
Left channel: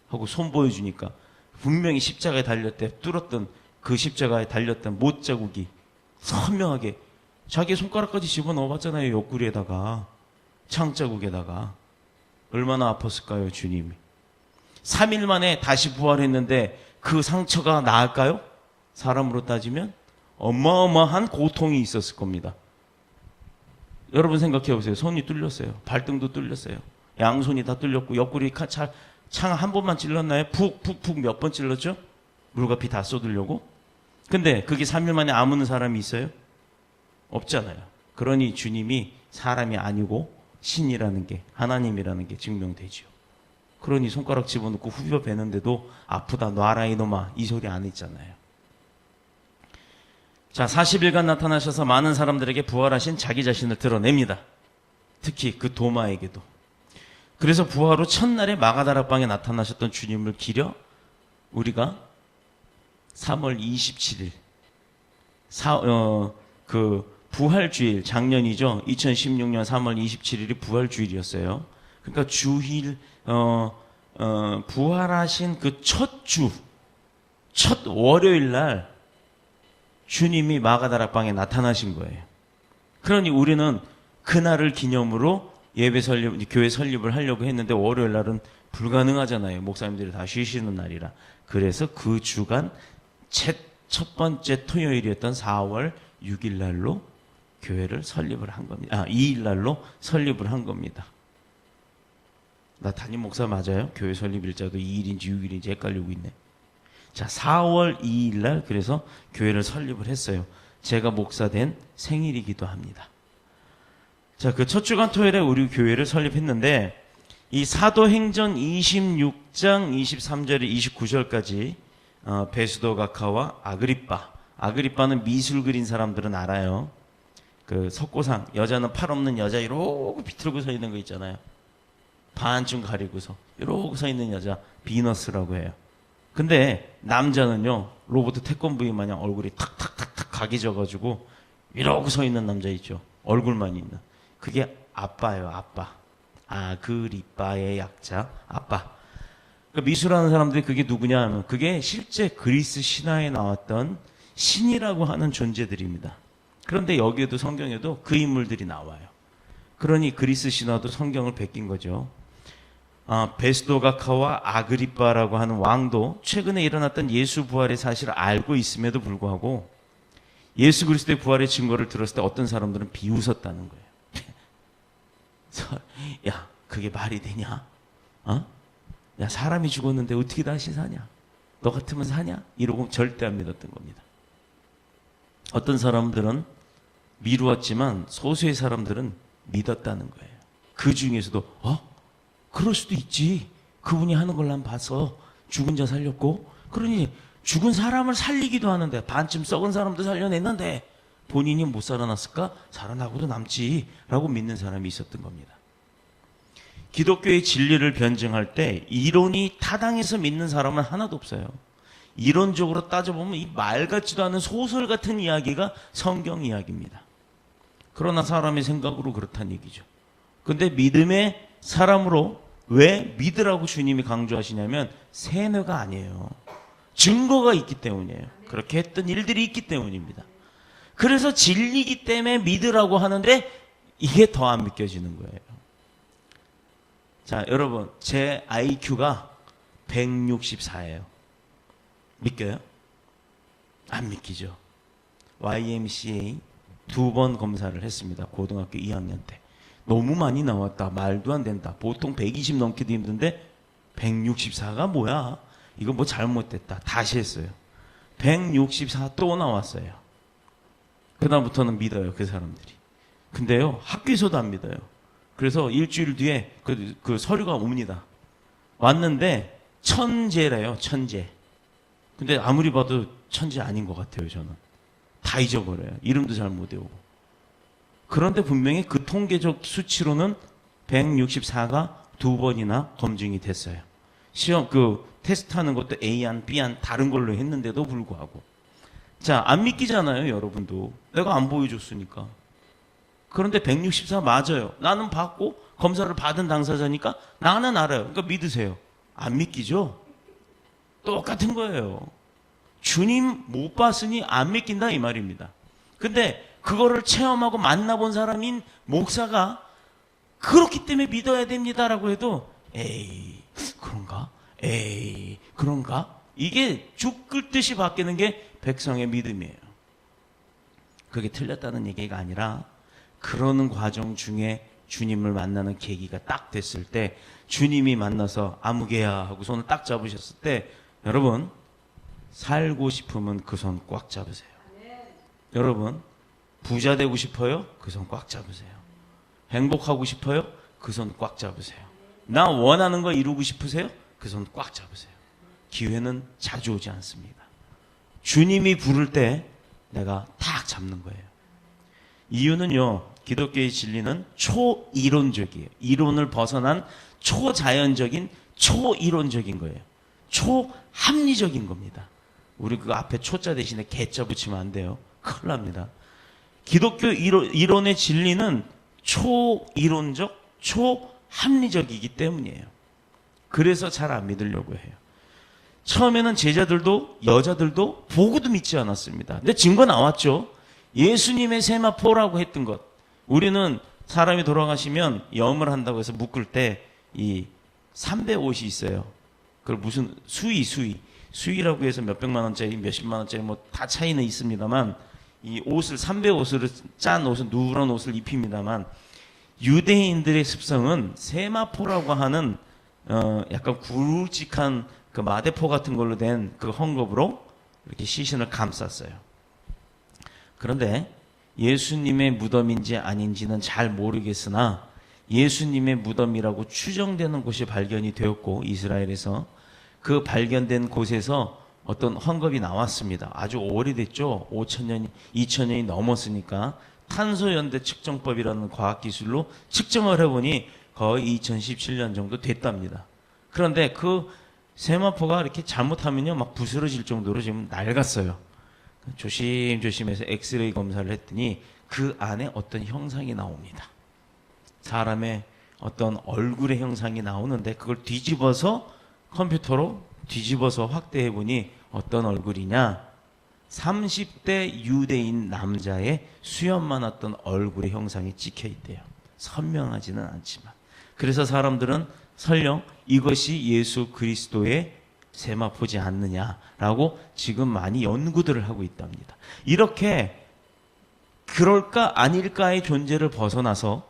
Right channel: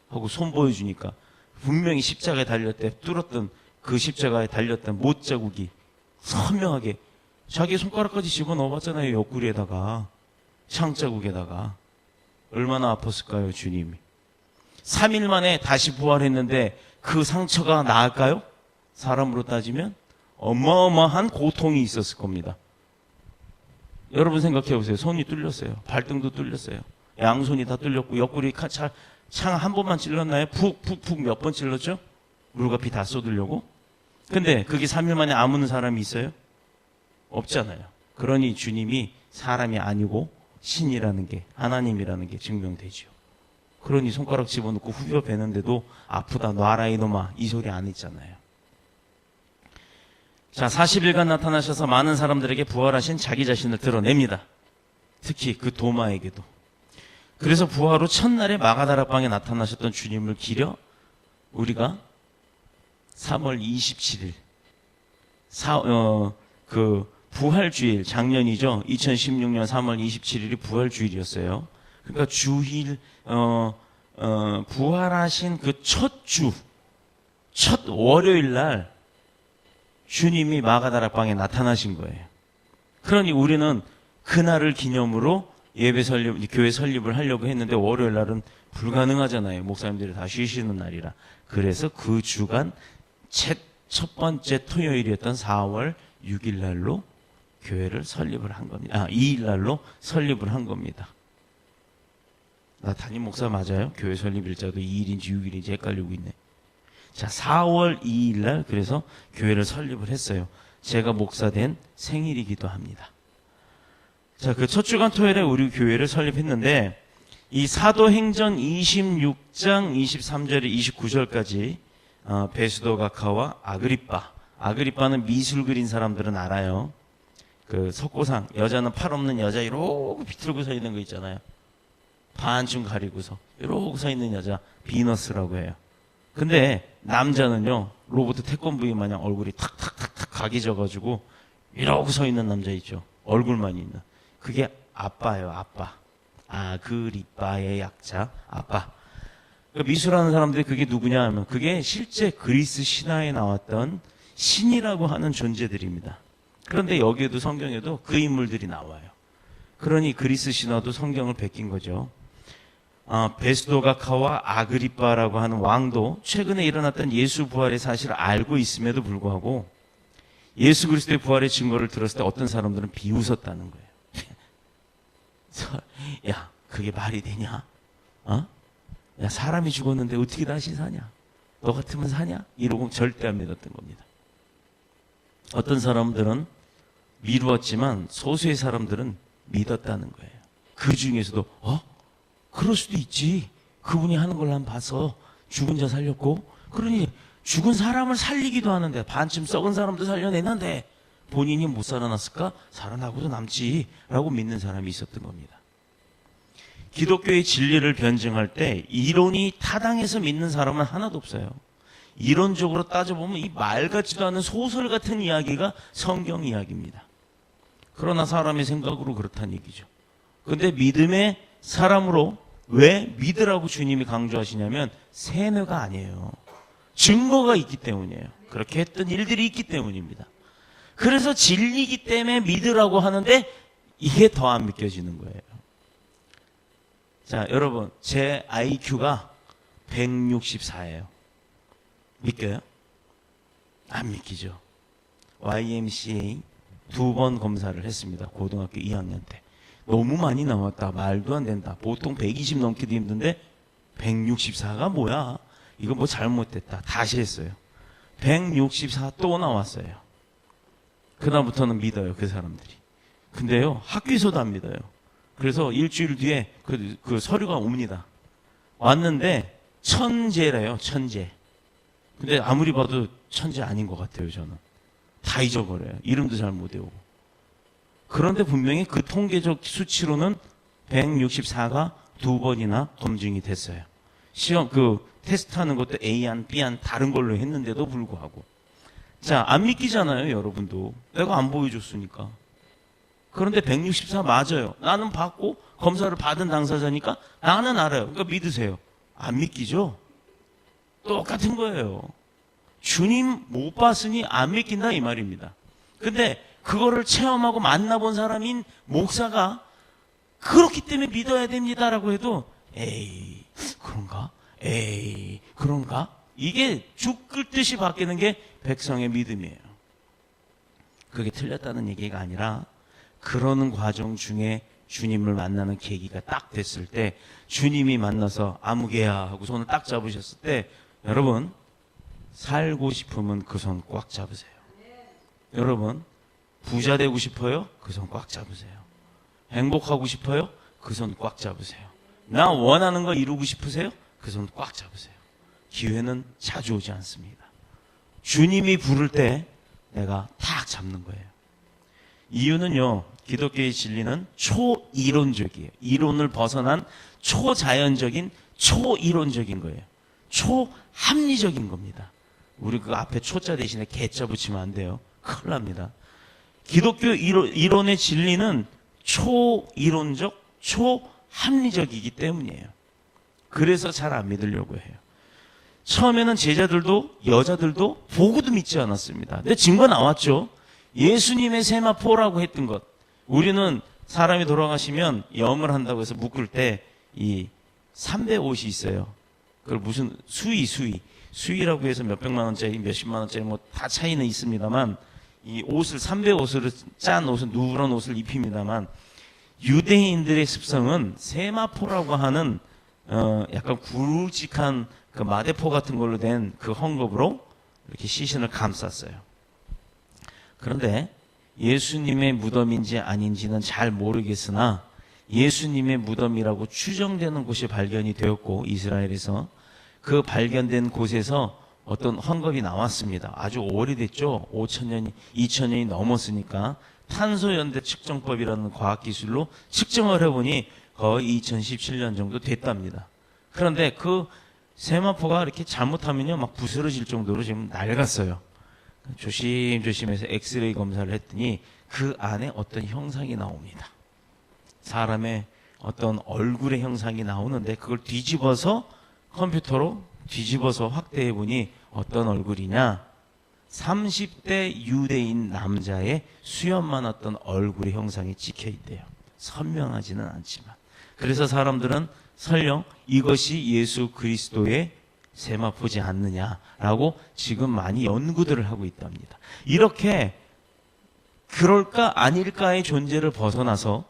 하고 손 보여주니까 분명히 십자가에 달릴 때 뚫었던 그 십자가에 달렸던 못자국이 선명하게 자기 손가락까지 집어넣어봤잖아요. 옆구리에다가 창자국에다가. 얼마나 아팠을까요, 주님이. 3일 만에 다시 부활했는데 그 상처가 나을까요? 사람으로 따지면 어마어마한 고통이 있었을 겁니다. 여러분 생각해 보세요. 손이 뚫렸어요. 발등도 뚫렸어요. 양손이 다 뚫렸고 옆구리 창 한 번만 찔렀나요? 푹푹푹 몇 번 찔렀죠? 물과 피 다 쏟으려고. 근데 그게 3일 만에 아무는 사람이 있어요? 없잖아요. 그러니 주님이 사람이 아니고 신이라는 게, 하나님이라는 게 증명되죠. 그러니 손가락 집어넣고 후벼 베는데도 아프다 놔라 이놈아 이 소리 안 했잖아요. 자, 40일간 나타나셔서 많은 사람들에게 부활하신 자기 자신을 드러냅니다. 특히 그 도마에게도. 그래서 부활 후 첫날에 마가다락방에 나타나셨던 주님을 기려 우리가 3월 27일 그 부활주일, 작년이죠. 2016년 3월 27일이 부활주일이었어요. 그러니까 주일 부활하신 그 첫 월요일 날 주님이 마가다락방에 나타나신 거예요. 그러니 우리는 그날을 기념으로 예배 설립, 교회 설립을 하려고 했는데 월요일 날은 불가능하잖아요. 목사님들이 다 쉬시는 날이라. 그래서 그 주간 첫 번째 토요일이었던 4월 6일 날로 교회를 설립을 한 겁니다. 2일 날로 설립을 한 겁니다. 나 담임 목사 맞아요? 교회 설립 일자도 2일인지 6일인지 헷갈리고 있네. 자, 4월 2일 날 그래서 교회를 설립을 했어요. 제가 목사된 생일이기도 합니다. 자, 그 첫 주간 토요일에 우리 교회를 설립했는데 이 사도행전 26장 23절 29절까지 베스도 가카와 아그리빠는 미술 그린 사람들은 알아요. 그 석고상, 여자는 팔 없는 여자 이러고 비틀고 서 있는 거 있잖아요. 반쯤 가리고서 이러고 서 있는 여자 비너스라고 해요. 근데 남자는요, 로버트 태권브이 마냥 얼굴이 탁탁탁탁 각이 져가지고 이러고 서 있는 남자 있죠. 얼굴만 있는. 그게 아빠예요, 아빠. 아그리빠의 약자, 아빠. 그 미술하는 사람들이 그게 누구냐 하면 그게 실제 그리스 신화에 나왔던 신이라고 하는 존재들입니다. 그런데 여기에도 성경에도 그 인물들이 나와요. 그러니 그리스 신화도 성경을 베낀 거죠. 베스도가카와 아그리빠라고 하는 왕도 최근에 일어났던 예수 부활의 사실을 알고 있음에도 불구하고 예수 그리스도의 부활의 증거를 들었을 때 어떤 사람들은 비웃었다는 거예요. 야, 그게 말이 되냐? 야, 사람이 죽었는데 어떻게 다시 사냐? 너 같으면 사냐? 이러고 절대 안 믿었던 겁니다. 어떤 사람들은 미루었지만 소수의 사람들은 믿었다는 거예요. 그 중에서도 그럴 수도 있지. 그분이 하는 걸 난 봐서 죽은 자 살렸고, 그러니 죽은 사람을 살리기도 하는데 반쯤 썩은 사람도 살려냈는데 본인이 못 살아났을까? 살아나고도 남지 라고 믿는 사람이 있었던 겁니다. 기독교의 진리를 변증할 때 이론이 타당해서 믿는 사람은 하나도 없어요. 이론적으로 따져보면 이 말 같지도 않은 소설 같은 이야기가 성경 이야기입니다. 그러나 사람의 생각으로 그렇다는 얘기죠. 근데 믿음의 사람으로 왜 믿으라고 주님이 강조하시냐면 세뇌가 아니에요. 증거가 있기 때문이에요. 그렇게 했던 일들이 있기 때문입니다. 그래서 진리이기 때문에 믿으라고 하는데 이게 더 안 믿겨지는 거예요. 자, 여러분, 제 IQ가 164예요. 믿겨요? 안 믿기죠. YMCA 2번 검사를 했습니다. 고등학교 2학년 때. 너무 많이 나왔다. 말도 안 된다. 보통 120 넘기도 힘든데 164가 뭐야? 이거 뭐 잘못됐다. 다시 했어요. 164 또 나왔어요. 그다음부터는 믿어요. 그 사람들이. 근데요, 학교에서도 안 믿어요. 그래서 일주일 뒤에 그 서류가 옵니다. 왔는데 천재래요. 천재. 근데 아무리 봐도 천재 아닌 것 같아요. 저는. 다 잊어버려요. 이름도 잘 못 외우고. 그런데 분명히 그 통계적 수치로는 164가 2번이나 검증이 됐어요. 시험 테스트하는 것도 A안, B안 다른 걸로 했는데도 불구하고. 자, 안 믿기잖아요, 여러분도. 내가 안 보여줬으니까. 그런데 164 맞아요. 나는 받고 검사를 받은 당사자니까 나는 알아요. 그러니까 믿으세요. 안 믿기죠? 똑같은 거예요. 주님 못 봤으니 안 믿긴다 이 말입니다. 근데 그거를 체험하고 만나본 사람인 목사가 그렇기 때문에 믿어야 됩니다라고 해도 에이 그런가? 에이 그런가? 이게 죽 끓듯이 바뀌는 게 백성의 믿음이에요. 그게 틀렸다는 얘기가 아니라 그러는 과정 중에 주님을 만나는 계기가 딱 됐을 때 주님이 만나서 아무개야 하고 손을 딱 잡으셨을 때 여러분 살고 싶으면 그 손 꽉 잡으세요. 여러분 부자 되고 싶어요? 그 손 꽉 잡으세요. 행복하고 싶어요? 그 손 꽉 잡으세요. 나 원하는 거 이루고 싶으세요? 그 손 꽉 잡으세요. 기회는 자주 오지 않습니다. 주님이 부를 때 내가 탁 잡는 거예요. 이유는요, 기독교의 진리는 초이론적이에요. 이론을 벗어난 초자연적인 초이론적인 거예요. 초합리적인 겁니다. 우리 그 앞에 초자 대신에 개자 붙이면 안 돼요. 큰일 납니다. 기독교 이론의 진리는 초이론적, 초합리적이기 때문이에요. 그래서 잘 안 믿으려고 해요. 처음에는 제자들도 여자들도 보고도 믿지 않았습니다. 근데 증거 나왔죠. 예수님의 세마포라고 했던 것. 우리는 사람이 돌아가시면 염을 한다고 해서 묶을 때 이 300옷이 있어요. 그걸 무슨 수의라고 해서 몇백만 원짜리 몇십만 원짜리 뭐 다 차이는 있습니다만 이 옷을 300옷으로 짠 옷을 누런 옷을 입힙니다만 유대인들의 습성은 세마포라고 하는 약간 굵직한 그 마대포 같은 걸로 된 그 헝겊으로 이렇게 시신을 감쌌어요. 그런데 예수님의 무덤인지 아닌지는 잘 모르겠으나 예수님의 무덤이라고 추정되는 곳이 발견이 되었고 이스라엘에서 그 발견된 곳에서 어떤 헝겊이 나왔습니다. 아주 오래됐죠. 5천년이 2천년이 넘었으니까 탄소연대 측정법이라는 과학기술로 측정을 해보니 거의 2017년 정도 됐답니다. 그런데 그 세마포가 이렇게 잘못하면요 막 부스러질 정도로 지금 낡았어요. 조심조심해서 엑스레이 검사를 했더니 그 안에 어떤 형상이 나옵니다. 사람의 어떤 얼굴의 형상이 나오는데 그걸 뒤집어서 컴퓨터로 뒤집어서 확대해 보니 어떤 얼굴이냐? 30대 유대인 남자의 수염만 어떤 얼굴의 형상이 찍혀 있대요. 선명하지는 않지만. 그래서 사람들은 설령 이것이 예수 그리스도의 세마포지 않느냐라고 지금 많이 연구들을 하고 있답니다. 이렇게 그럴까 아닐까의 존재를 벗어나서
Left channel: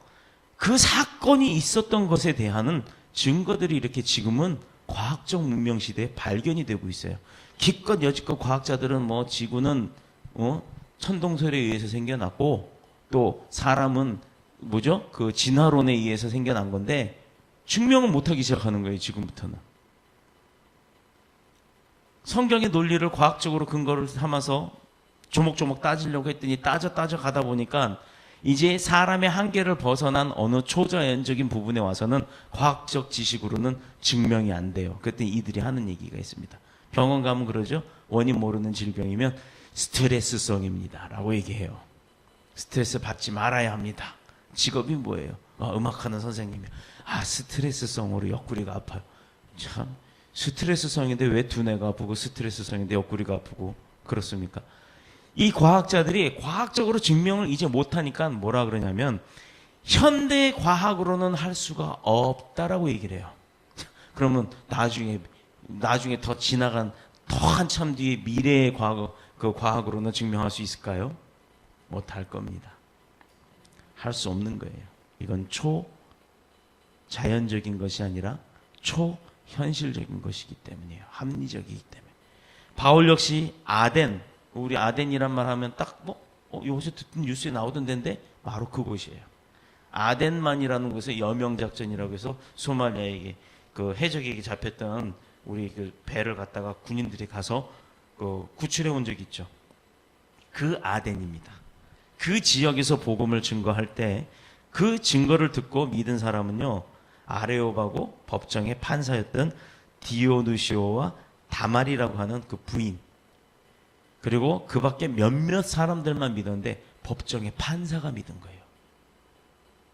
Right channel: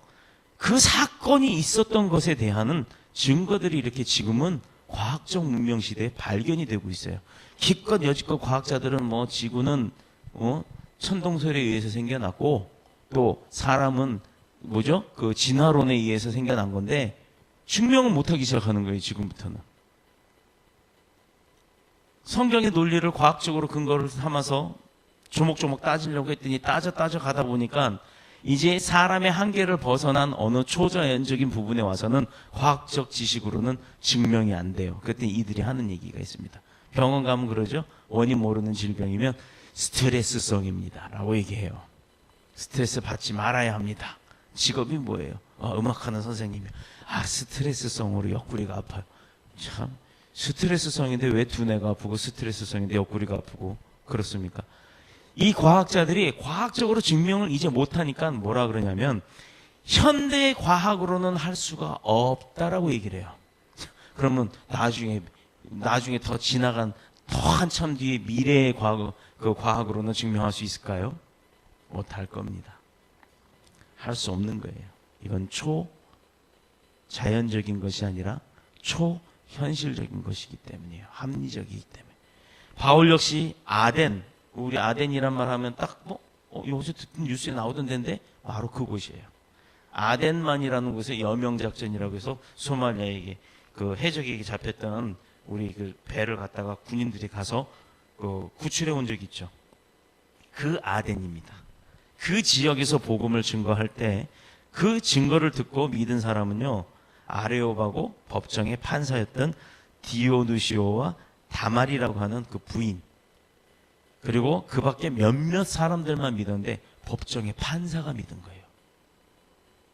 그 사건이 있었던 것에 대한 증거들이 이렇게 지금은 과학적 문명 시대에 발견이 되고 있어요. 기껏 여지껏 과학자들은 뭐 지구는 천동설에 의해서 생겨났고 또 사람은 뭐죠? 그 진화론에 의해서 생겨난 건데 증명을 못하기 시작하는 거예요. 지금부터는. 성경의 논리를 과학적으로 근거를 삼아서 조목조목 따지려고 했더니 따져 가다 보니까 이제 사람의 한계를 벗어난 어느 초자연적인 부분에 와서는 과학적 지식으로는 증명이 안 돼요. 그랬더니 이들이 하는 얘기가 있습니다. 병원 가면 그러죠. 원인 모르는 질병이면 스트레스성입니다 라고 얘기해요. 스트레스 받지 말아야 합니다. 직업이 뭐예요? 음악하는 선생님이요. 스트레스성으로 옆구리가 아파요. 참 스트레스성인데 왜 두뇌가 아프고 스트레스성인데 옆구리가 아프고 그렇습니까? 이 과학자들이 과학적으로 증명을 이제 못하니까 뭐라 그러냐면 현대 과학으로는 할 수가 없다라고 얘기를 해요. 그러면 나중에 더 지나간 더 한참 뒤에 미래의 과학으로는 증명할 수 있을까요? 못할 겁니다. 할 수 없는 거예요. 이건 초자연적인 것이 아니라 초현실적인 것이기 때문이에요. 합리적이기 때문에. 바울 역시 우리 아덴이란 말 하면 딱 여기서 듣던 뉴스에 나오던 데인데 바로 그곳이에요. 아덴만이라는 곳에 여명작전이라고 해서 소말리아에게 그 해적에게 잡혔던 우리 그 배를 갖다가 군인들이 가서 구출해 온 적이 있죠. 그 아덴입니다. 그 지역에서 복음을 증거할 때 그 증거를 듣고 믿은 사람은요, 아레오바고 법정의 판사였던 디오누시오와 다말이라고 하는 그 부인, 그리고 그 밖에 몇몇 사람들만 믿었는데 법정의 판사가 믿은 거예요.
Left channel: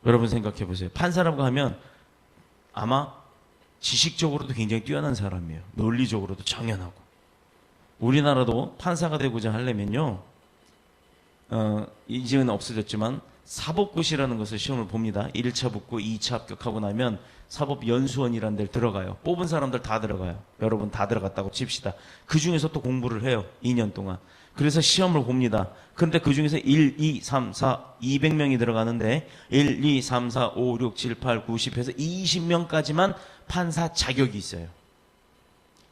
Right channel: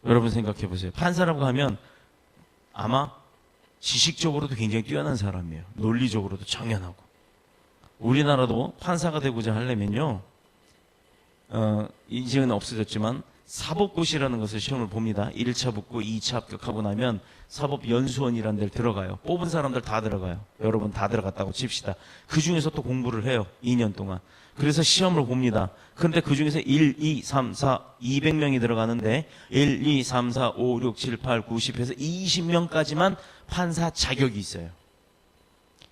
여러분 생각해 보세요. 판사라고 하면 아마 지식적으로도 굉장히 뛰어난 사람이에요. 논리적으로도 청연하고. 우리나라도 판사가 되고자 하려면요, 이제는 없어졌지만 사법고시라는 것을 시험을 봅니다. 1차 붙고 2차 합격하고 나면 사법연수원이라는 데를 들어가요. 뽑은 사람들 다 들어가요. 여러분 다 들어갔다고 칩시다. 그 중에서 또 공부를 해요. 2년 동안. 그래서 시험을 봅니다. 근데 그 중에서 1, 2, 3, 4, 200명이 들어가는데 1, 2, 3, 4, 5, 6, 7, 8, 9, 10 해서 20명까지만 판사 자격이 있어요.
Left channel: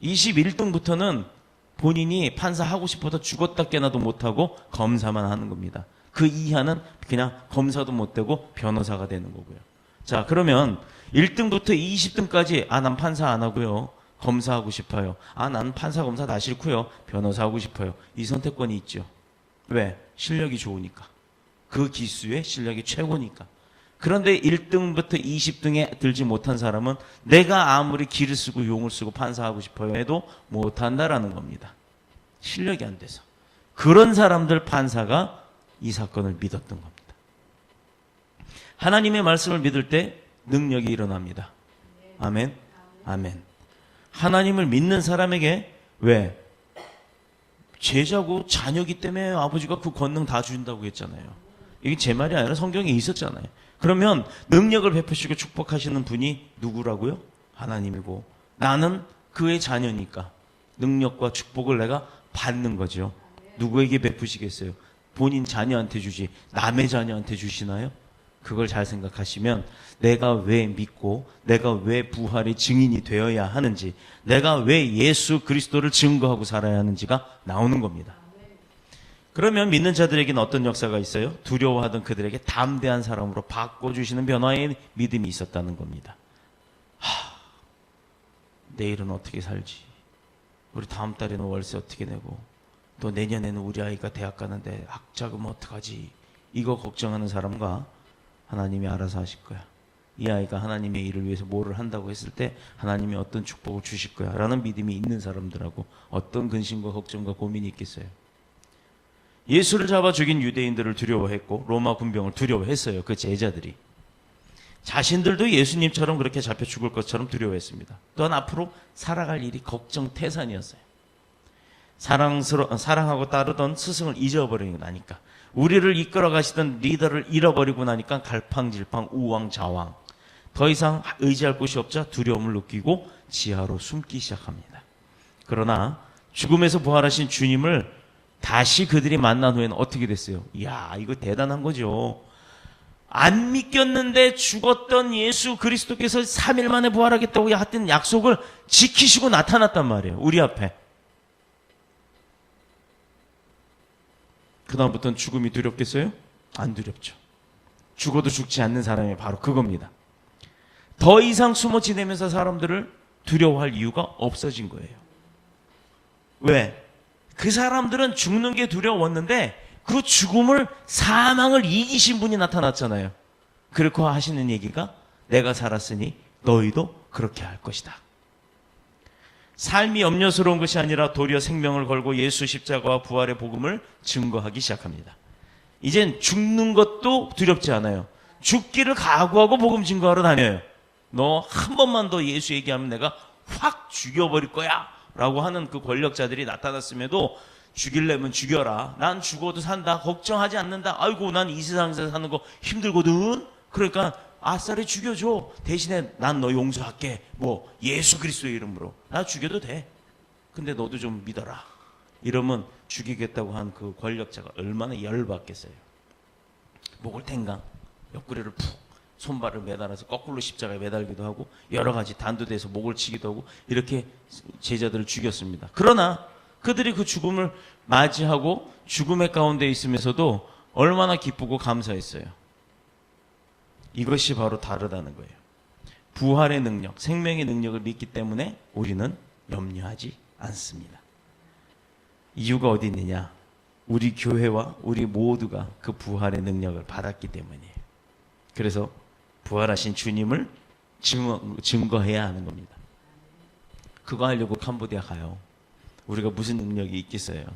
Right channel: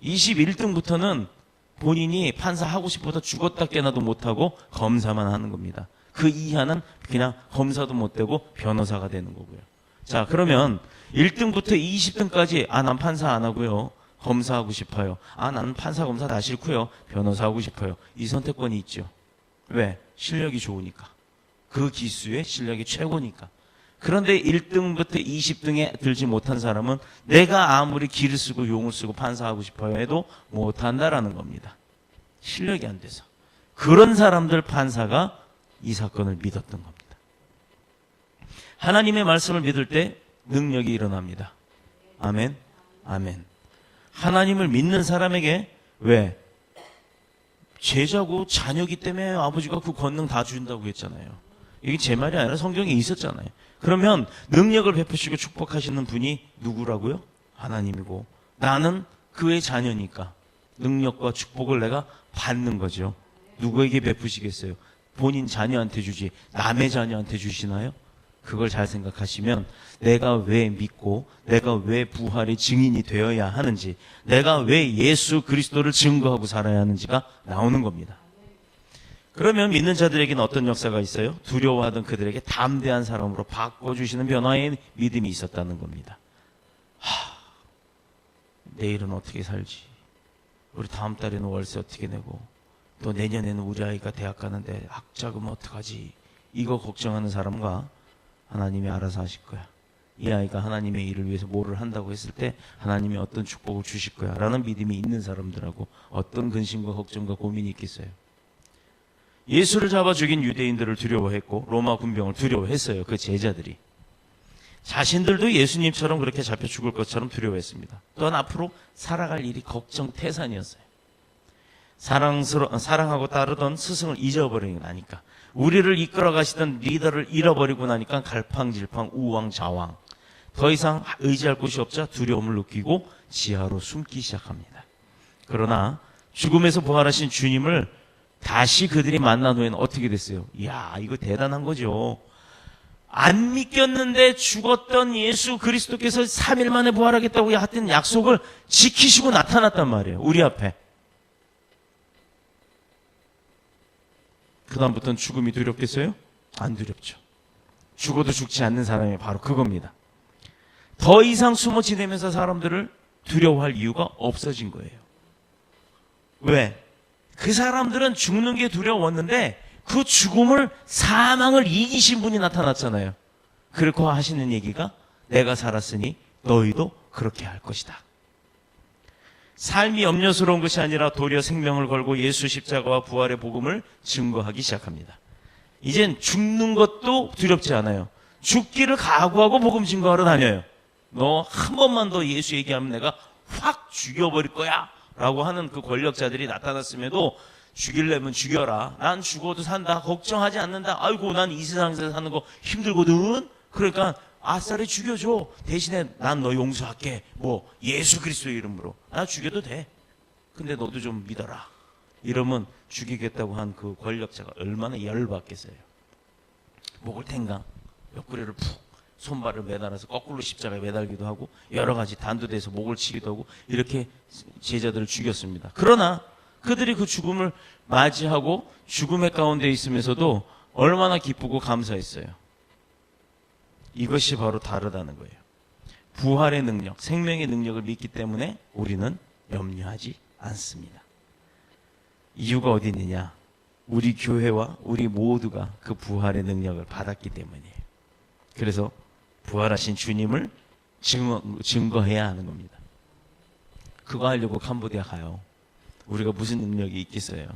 21등부터는 본인이 판사 하고 싶어서 죽었다 깨나도 못하고 검사만 하는 겁니다. 그 이하는 그냥 검사도 못 되고 변호사가 되는 거고요. 자, 그러면 1등부터 20등까지 난 판사 안 하고요, 검사하고 싶어요. 나는 판사 검사 다 싫고요, 변호사 하고 싶어요. 이 선택권이 있죠. 왜? 실력이 좋으니까. 그 기수의 실력이 최고니까. 그런데 1등부터 20등에 들지 못한 사람은 내가 아무리 기를 쓰고 용을 쓰고 판사하고 싶어요 해도 못한다라는 겁니다. 실력이 안 돼서. 그런 사람들 판사가 이 사건을 믿었던 겁니다. 하나님의 말씀을 믿을 때 능력이 일어납니다. 아멘. 아멘. 하나님을 믿는 사람에게, 왜? 제자고 자녀기 때문에 아버지가 그 권능 다 주신다고 했잖아요. 이게 제 말이 아니라 성경에 있었잖아요. 그러면 능력을 베푸시고 축복하시는 분이 누구라고요? 하나님이고, 나는 그의 자녀니까 능력과 축복을 내가 받는 거죠. 누구에게 베푸시겠어요? 본인 자녀한테 주지 남의 자녀한테 주시나요? 그걸 잘 생각하시면 내가 왜 믿고 내가 왜 부활의 증인이 되어야 하는지, 내가 왜 예수 그리스도를 증거하고 살아야 하는지가 나오는 겁니다. 그러면 믿는 자들에게는 어떤 역사가 있어요? 두려워하던 그들에게 담대한 사람으로 바꿔주시는 변화의 믿음이 있었다는 겁니다. 내일은 어떻게 살지? 우리 다음 달에는 월세 어떻게 내고, 또 내년에는 우리 아이가 대학 가는데 학자금 어떡하지? 이거 걱정하는 사람과 하나님이 알아서 하실 거야. 이 아이가 하나님의 일을 위해서 뭐를 한다고 했을 때 하나님이 어떤 축복을 주실 거야 라는 믿음이 있는 사람들하고 어떤 근심과 걱정과 고민이 있겠어요? 예수를 잡아 죽인 유대인들을 두려워했고 로마 군병을 두려워했어요. 그 제자들이. 자신들도 예수님처럼 그렇게 잡혀 죽을 것처럼 두려워했습니다. 또한 앞으로 살아갈 일이 걱정 태산이었어요. 사랑하고 따르던 스승을 잊어버리고 나니까, 우리를 이끌어 가시던 리더를 잃어버리고 나니까 갈팡질팡 우왕좌왕, 더 이상 의지할 곳이 없자 두려움을 느끼고 지하로 숨기 시작합니다. 그러나 죽음에서 부활하신 주님을 다시 그들이 만난 후에는 어떻게 됐어요? 이야, 이거 대단한 거죠. 안 믿겼는데 죽었던 예수 그리스도께서 3일 만에 부활하겠다고 했던 약속을 지키시고 나타났단 말이에요. 우리 앞에. 그 다음부터는 죽음이 두렵겠어요? 안 두렵죠. 죽어도 죽지 않는 사람이 바로 그겁니다. 더 이상 숨어 지내면서 사람들을 두려워할 이유가 없어진 거예요. 왜? 그 사람들은 죽는 게 두려웠는데 그 죽음을, 사망을 이기신 분이 나타났잖아요. 그렇고 하시는 얘기가 내가 살았으니 너희도 그렇게 할 것이다. 삶이 염려스러운 것이 아니라 도리어 생명을 걸고 예수 십자가와 부활의 복음을 증거하기 시작합니다. 이젠 죽는 것도 두렵지 않아요. 죽기를 각오하고 복음 증거하러 다녀요. 너 한 번만 더 예수 얘기하면 내가 확 죽여버릴 거야 라고 하는 그 권력자들이 나타났음에도 죽이려면 죽여라. 난 죽어도 산다. 걱정하지 않는다. 아이고, 난 이 세상에서 사는 거 힘들거든. 그러니까 아싸리 죽여줘. 대신에 난 너 용서할게. 뭐 예수 그리스도의 이름으로. 나 죽여도 돼. 근데 너도 좀 믿어라. 이러면 죽이겠다고 한 그 권력자가 얼마나 열받겠어요. 목을 탱강 옆구리를 푹 손발을 매달아서 거꾸로 십자가에 매달기도 하고 여러 가지 단도대에서 목을 치기도 하고 이렇게 제자들을 죽였습니다. 그러나 그들이 그 죽음을 맞이하고 죽음의 가운데 있으면서도 얼마나 기쁘고 감사했어요. 이것이 바로 다르다는 거예요. 부활의 능력, 생명의 능력을 믿기 때문에 우리는 염려하지 않습니다. 이유가 어디 있느냐? 우리 교회와 우리 모두가 그 부활의 능력을 받았기 때문이에요. 그래서 부활하신 주님을 증거해야 하는 겁니다. 그거 하려고 캄보디아 가요. 우리가 무슨 능력이 있겠어요?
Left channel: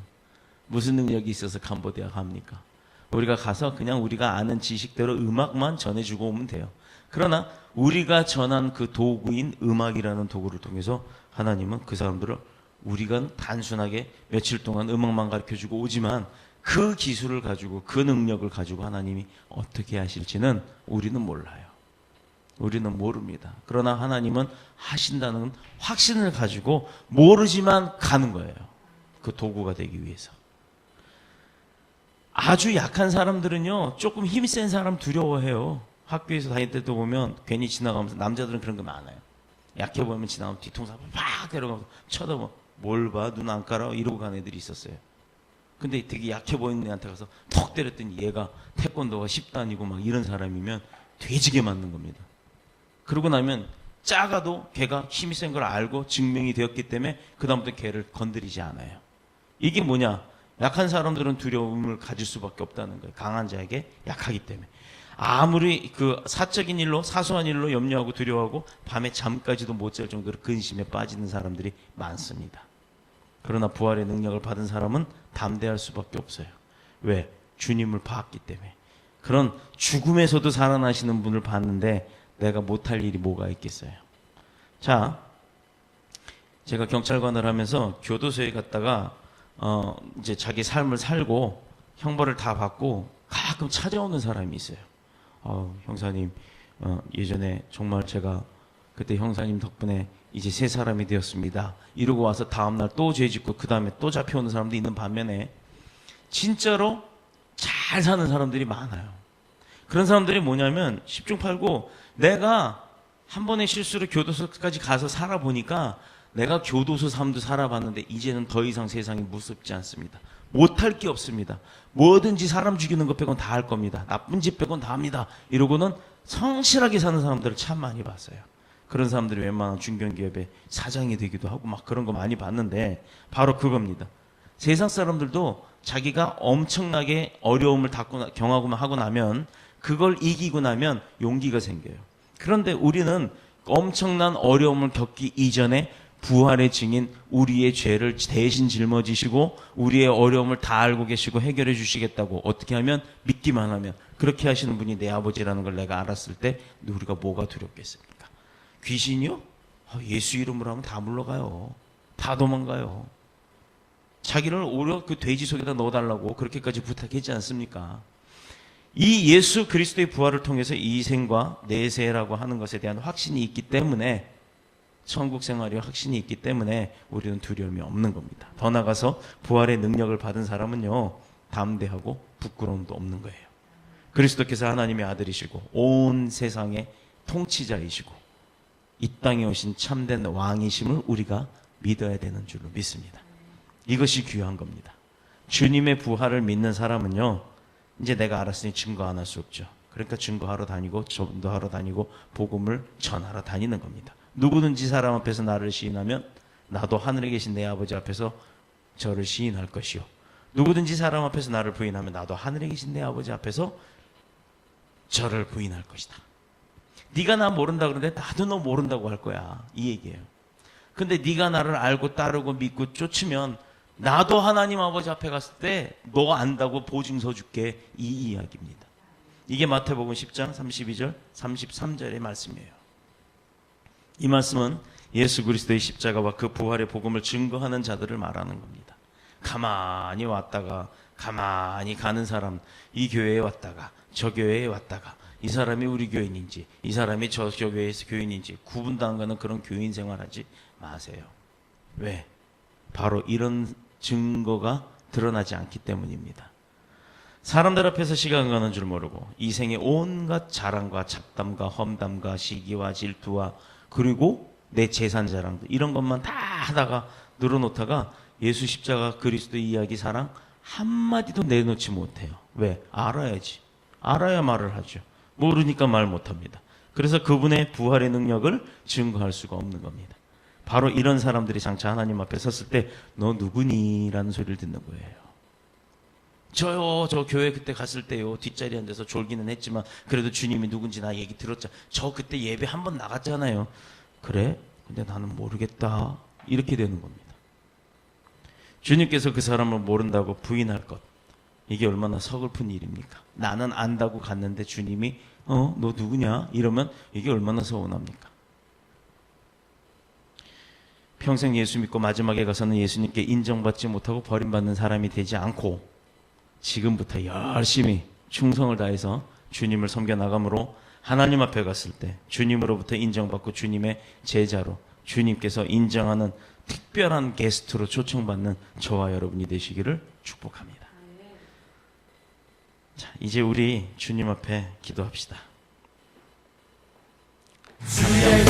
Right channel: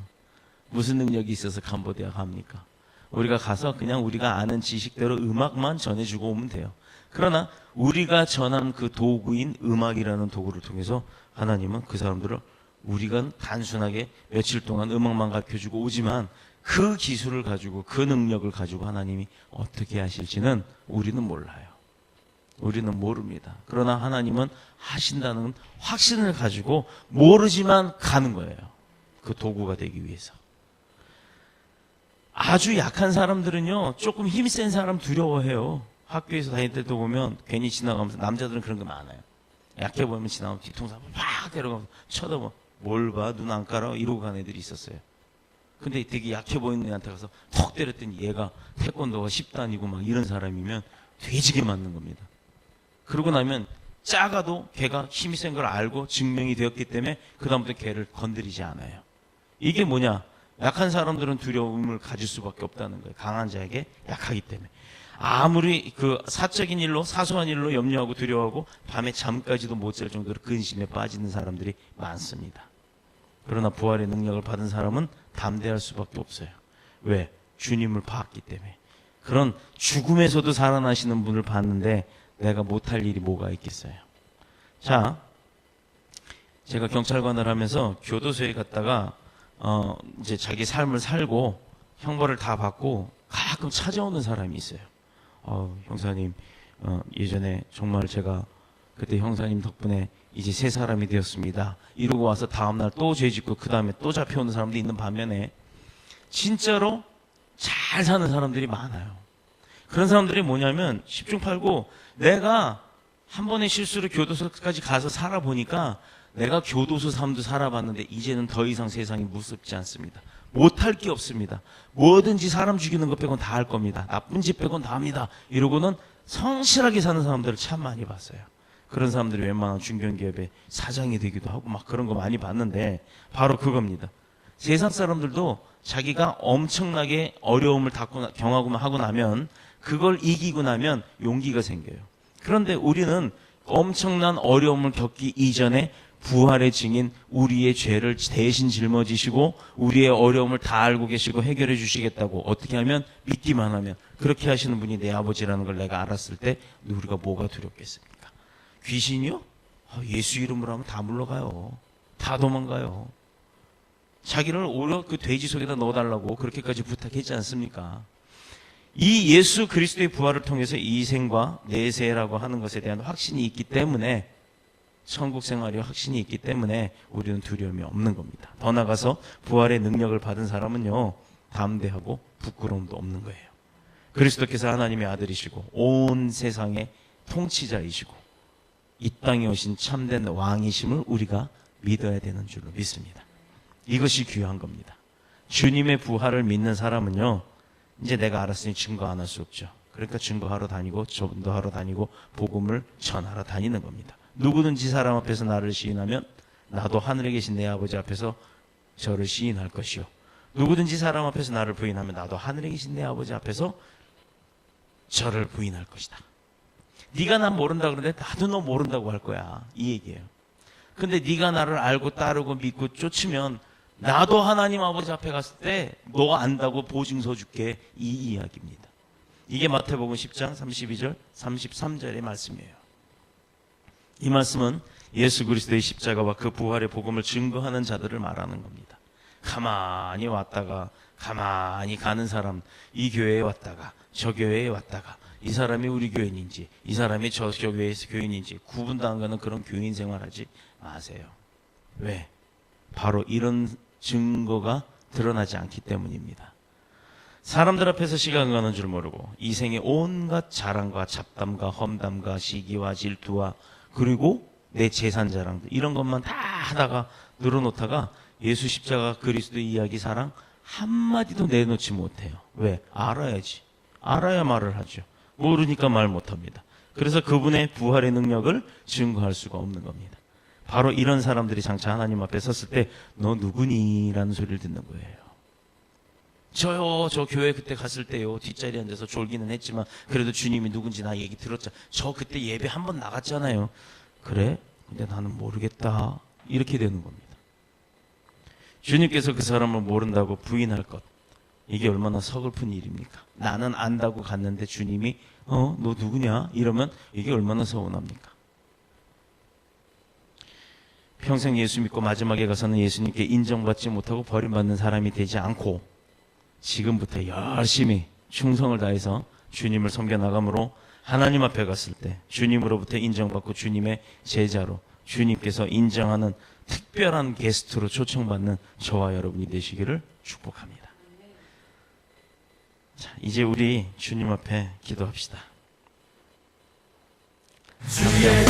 무슨 능력이 있어서 캄보디아 갑니까? 우리가 가서 그냥 우리가 아는 지식대로 음악만 전해주고 오면 돼요. 그러나 우리가 전한 그 도구인 음악이라는 도구를 통해서 하나님은 그 사람들을, 우리가 단순하게 며칠 동안 음악만 가르쳐주고 오지만 그 기술을 가지고, 그 능력을 가지고 하나님이 어떻게 하실지는 우리는 몰라요. 우리는 모릅니다. 그러나 하나님은 하신다는 확신을 가지고 모르지만 가는 거예요. 그 도구가 되기 위해서. 아주 약한 사람들은요, 조금 힘이 센 사람 두려워해요. 학교에서 다닐 때도 보면 괜히 지나가면서, 남자들은 그런 거 많아요. 약해 보이면 지나가면 뒤통수 팍 때려가면서 쳐다봐. 뭘 봐? 눈 안 깔아? 이러고 가는 애들이 있었어요. 근데 되게 약해 보이는 애한테 가서 턱 때렸더니 얘가 태권도가 10단이고 막 이런 사람이면 돼지게 맞는 겁니다. 그러고 나면 작아도 걔가 힘이 센 걸 알고 증명이 되었기 때문에 그 다음부터 걔를 건드리지 않아요. 이게 뭐냐? 약한 사람들은 두려움을 가질 수밖에 없다는 거예요. 강한 자에게 약하기 때문에. 아무리 그 사적인 일로, 사소한 일로 염려하고 두려워하고 밤에 잠까지도 못 잘 정도로 근심에 빠지는 사람들이 많습니다. 그러나 부활의 능력을 받은 사람은 담대할 수밖에 없어요. 왜? 주님을 봤기 때문에. 그런 죽음에서도 살아나시는 분을 봤는데 내가 못할 일이 뭐가 있겠어요. 자, 제가 경찰관을 하면서 교도소에 갔다가 이제 자기 삶을 살고 형벌을 다 받고 가끔 찾아오는 사람이 있어요. 형사님, 예전에 정말 제가 그때 형사님 덕분에 이제 새 사람이 되었습니다. 이러고 와서 다음날 또 죄 짓고 그 다음에 또 잡혀오는 사람도 있는 반면에 진짜로 잘 사는 사람들이 많아요. 그런 사람들이 뭐냐면 10중 8구 내가 한 번의 실수로 교도소까지 가서 살아보니까 내가 교도소 삶도 살아봤는데 이제는 더 이상 세상이 무섭지 않습니다. 못할 게 없습니다. 뭐든지 사람 죽이는 것 빼곤 다 할 겁니다. 나쁜 짓 빼곤 다 합니다. 이러고는 성실하게 사는 사람들을 참 많이 봤어요. 그런 사람들이 웬만한 중견기업의 사장이 되기도 하고 막 그런 거 많이 봤는데 바로 그겁니다. 세상 사람들도 자기가 엄청나게 어려움을 경험하고 하고 나면 그걸 이기고 나면 용기가 생겨요. 그런데 우리는 엄청난 어려움을 겪기 이전에 부활의 증인 우리의 죄를 대신 짊어지시고 우리의 어려움을 다 알고 계시고 해결해 주시겠다고 어떻게 하면 믿기만 하면 그렇게 하시는 분이 내 아버지라는 걸 내가 알았을 때 우리가 뭐가 두렵겠습니까? 귀신이요? 예수 이름으로 하면 다 물러가요. 다 도망가요. 자기를 오히려 그 돼지 속에다 넣어달라고 그렇게까지 부탁했지 않습니까? 이 예수 그리스도의 부활을 통해서 이생과 내세라고 하는 것에 대한 확신이 있기 때문에 천국 생활이 확신이 있기 때문에 우리는 두려움이 없는 겁니다. 더 나아가서 부활의 능력을 받은 사람은요 담대하고 부끄러움도 없는 거예요. 그리스도께서 하나님의 아들이시고 온 세상의 통치자이시고 이 땅에 오신 참된 왕이심을 우리가 믿어야 되는 줄로 믿습니다. 이것이 귀한 겁니다. 주님의 부활을 믿는 사람은요 이제 내가 알았으니 증거 안 할 수 없죠. 그러니까 증거하러 다니고 전도하러 다니고 복음을 전하러 다니는 겁니다. 누구든지 사람 앞에서 나를 시인하면 나도 하늘에 계신 내 아버지 앞에서 저를 시인할 것이요. 누구든지 사람 앞에서 나를 부인하면 나도 하늘에 계신 내 아버지 앞에서 저를 부인할 것이다. 네가 난 모른다 그러는데 나도 너 모른다고 할 거야. 이 얘기예요. 근데 네가 나를 알고 따르고 믿고 쫓으면 나도 하나님 아버지 앞에 갔을 때 너 안다고 보증서 줄게. 이 이야기입니다. 이게 마태복음 10장 32절 33절의 말씀이에요. 이 말씀은 예수 그리스도의 십자가와 그 부활의 복음을 증거하는 자들을 말하는 겁니다. 가만히 왔다가 가만히 가는 사람, 이 교회에 왔다가 저 교회에 왔다가 이 사람이 우리 교인인지 이 사람이 저 교회에서 교인인지 구분도 안 가는 그런 교인 생활하지 마세요. 왜? 바로 이런 증거가 드러나지 않기 때문입니다. 사람들 앞에서 시간 가는 줄 모르고 이 생의 온갖 자랑과 잡담과 험담과 시기와 질투와 그리고 내 재산 자랑들 이런 것만 다 하다가 늘어놓다가 예수 십자가 그리스도의 이야기 사랑 한마디도 내놓지 못해요. 왜? 알아야지. 알아야 말을 하죠. 모르니까 말 못합니다. 그래서 그분의 부활의 능력을 증거할 수가 없는 겁니다. 바로 이런 사람들이 장차 하나님 앞에 섰을 때 너 누구니? 라는 소리를 듣는 거예요. 저요, 저 교회 그때 갔을 때요, 뒷자리에 앉아서 졸기는 했지만, 그래도 주님이 누군지 나 얘기 들었잖아. 저 그때 예배 한 번 나갔잖아요. 그래? 근데 나는 모르겠다. 이렇게 되는 겁니다. 주님께서 그 사람을 모른다고 부인할 것. 이게 얼마나 서글픈 일입니까? 나는 안다고 갔는데 주님이, 너 누구냐? 이러면 이게 얼마나 서운합니까? 평생 예수 믿고 마지막에 가서는 예수님께 인정받지 못하고 버림받는 사람이 되지 않고 지금부터 열심히 충성을 다해서 주님을 섬겨나감으로 하나님 앞에 갔을 때 주님으로부터 인정받고 주님의 제자로 주님께서 인정하는 특별한 게스트로 초청받는 저와 여러분이 되시기를 축복합니다. 자, 이제 우리 주님 앞에 기도합시다. 주의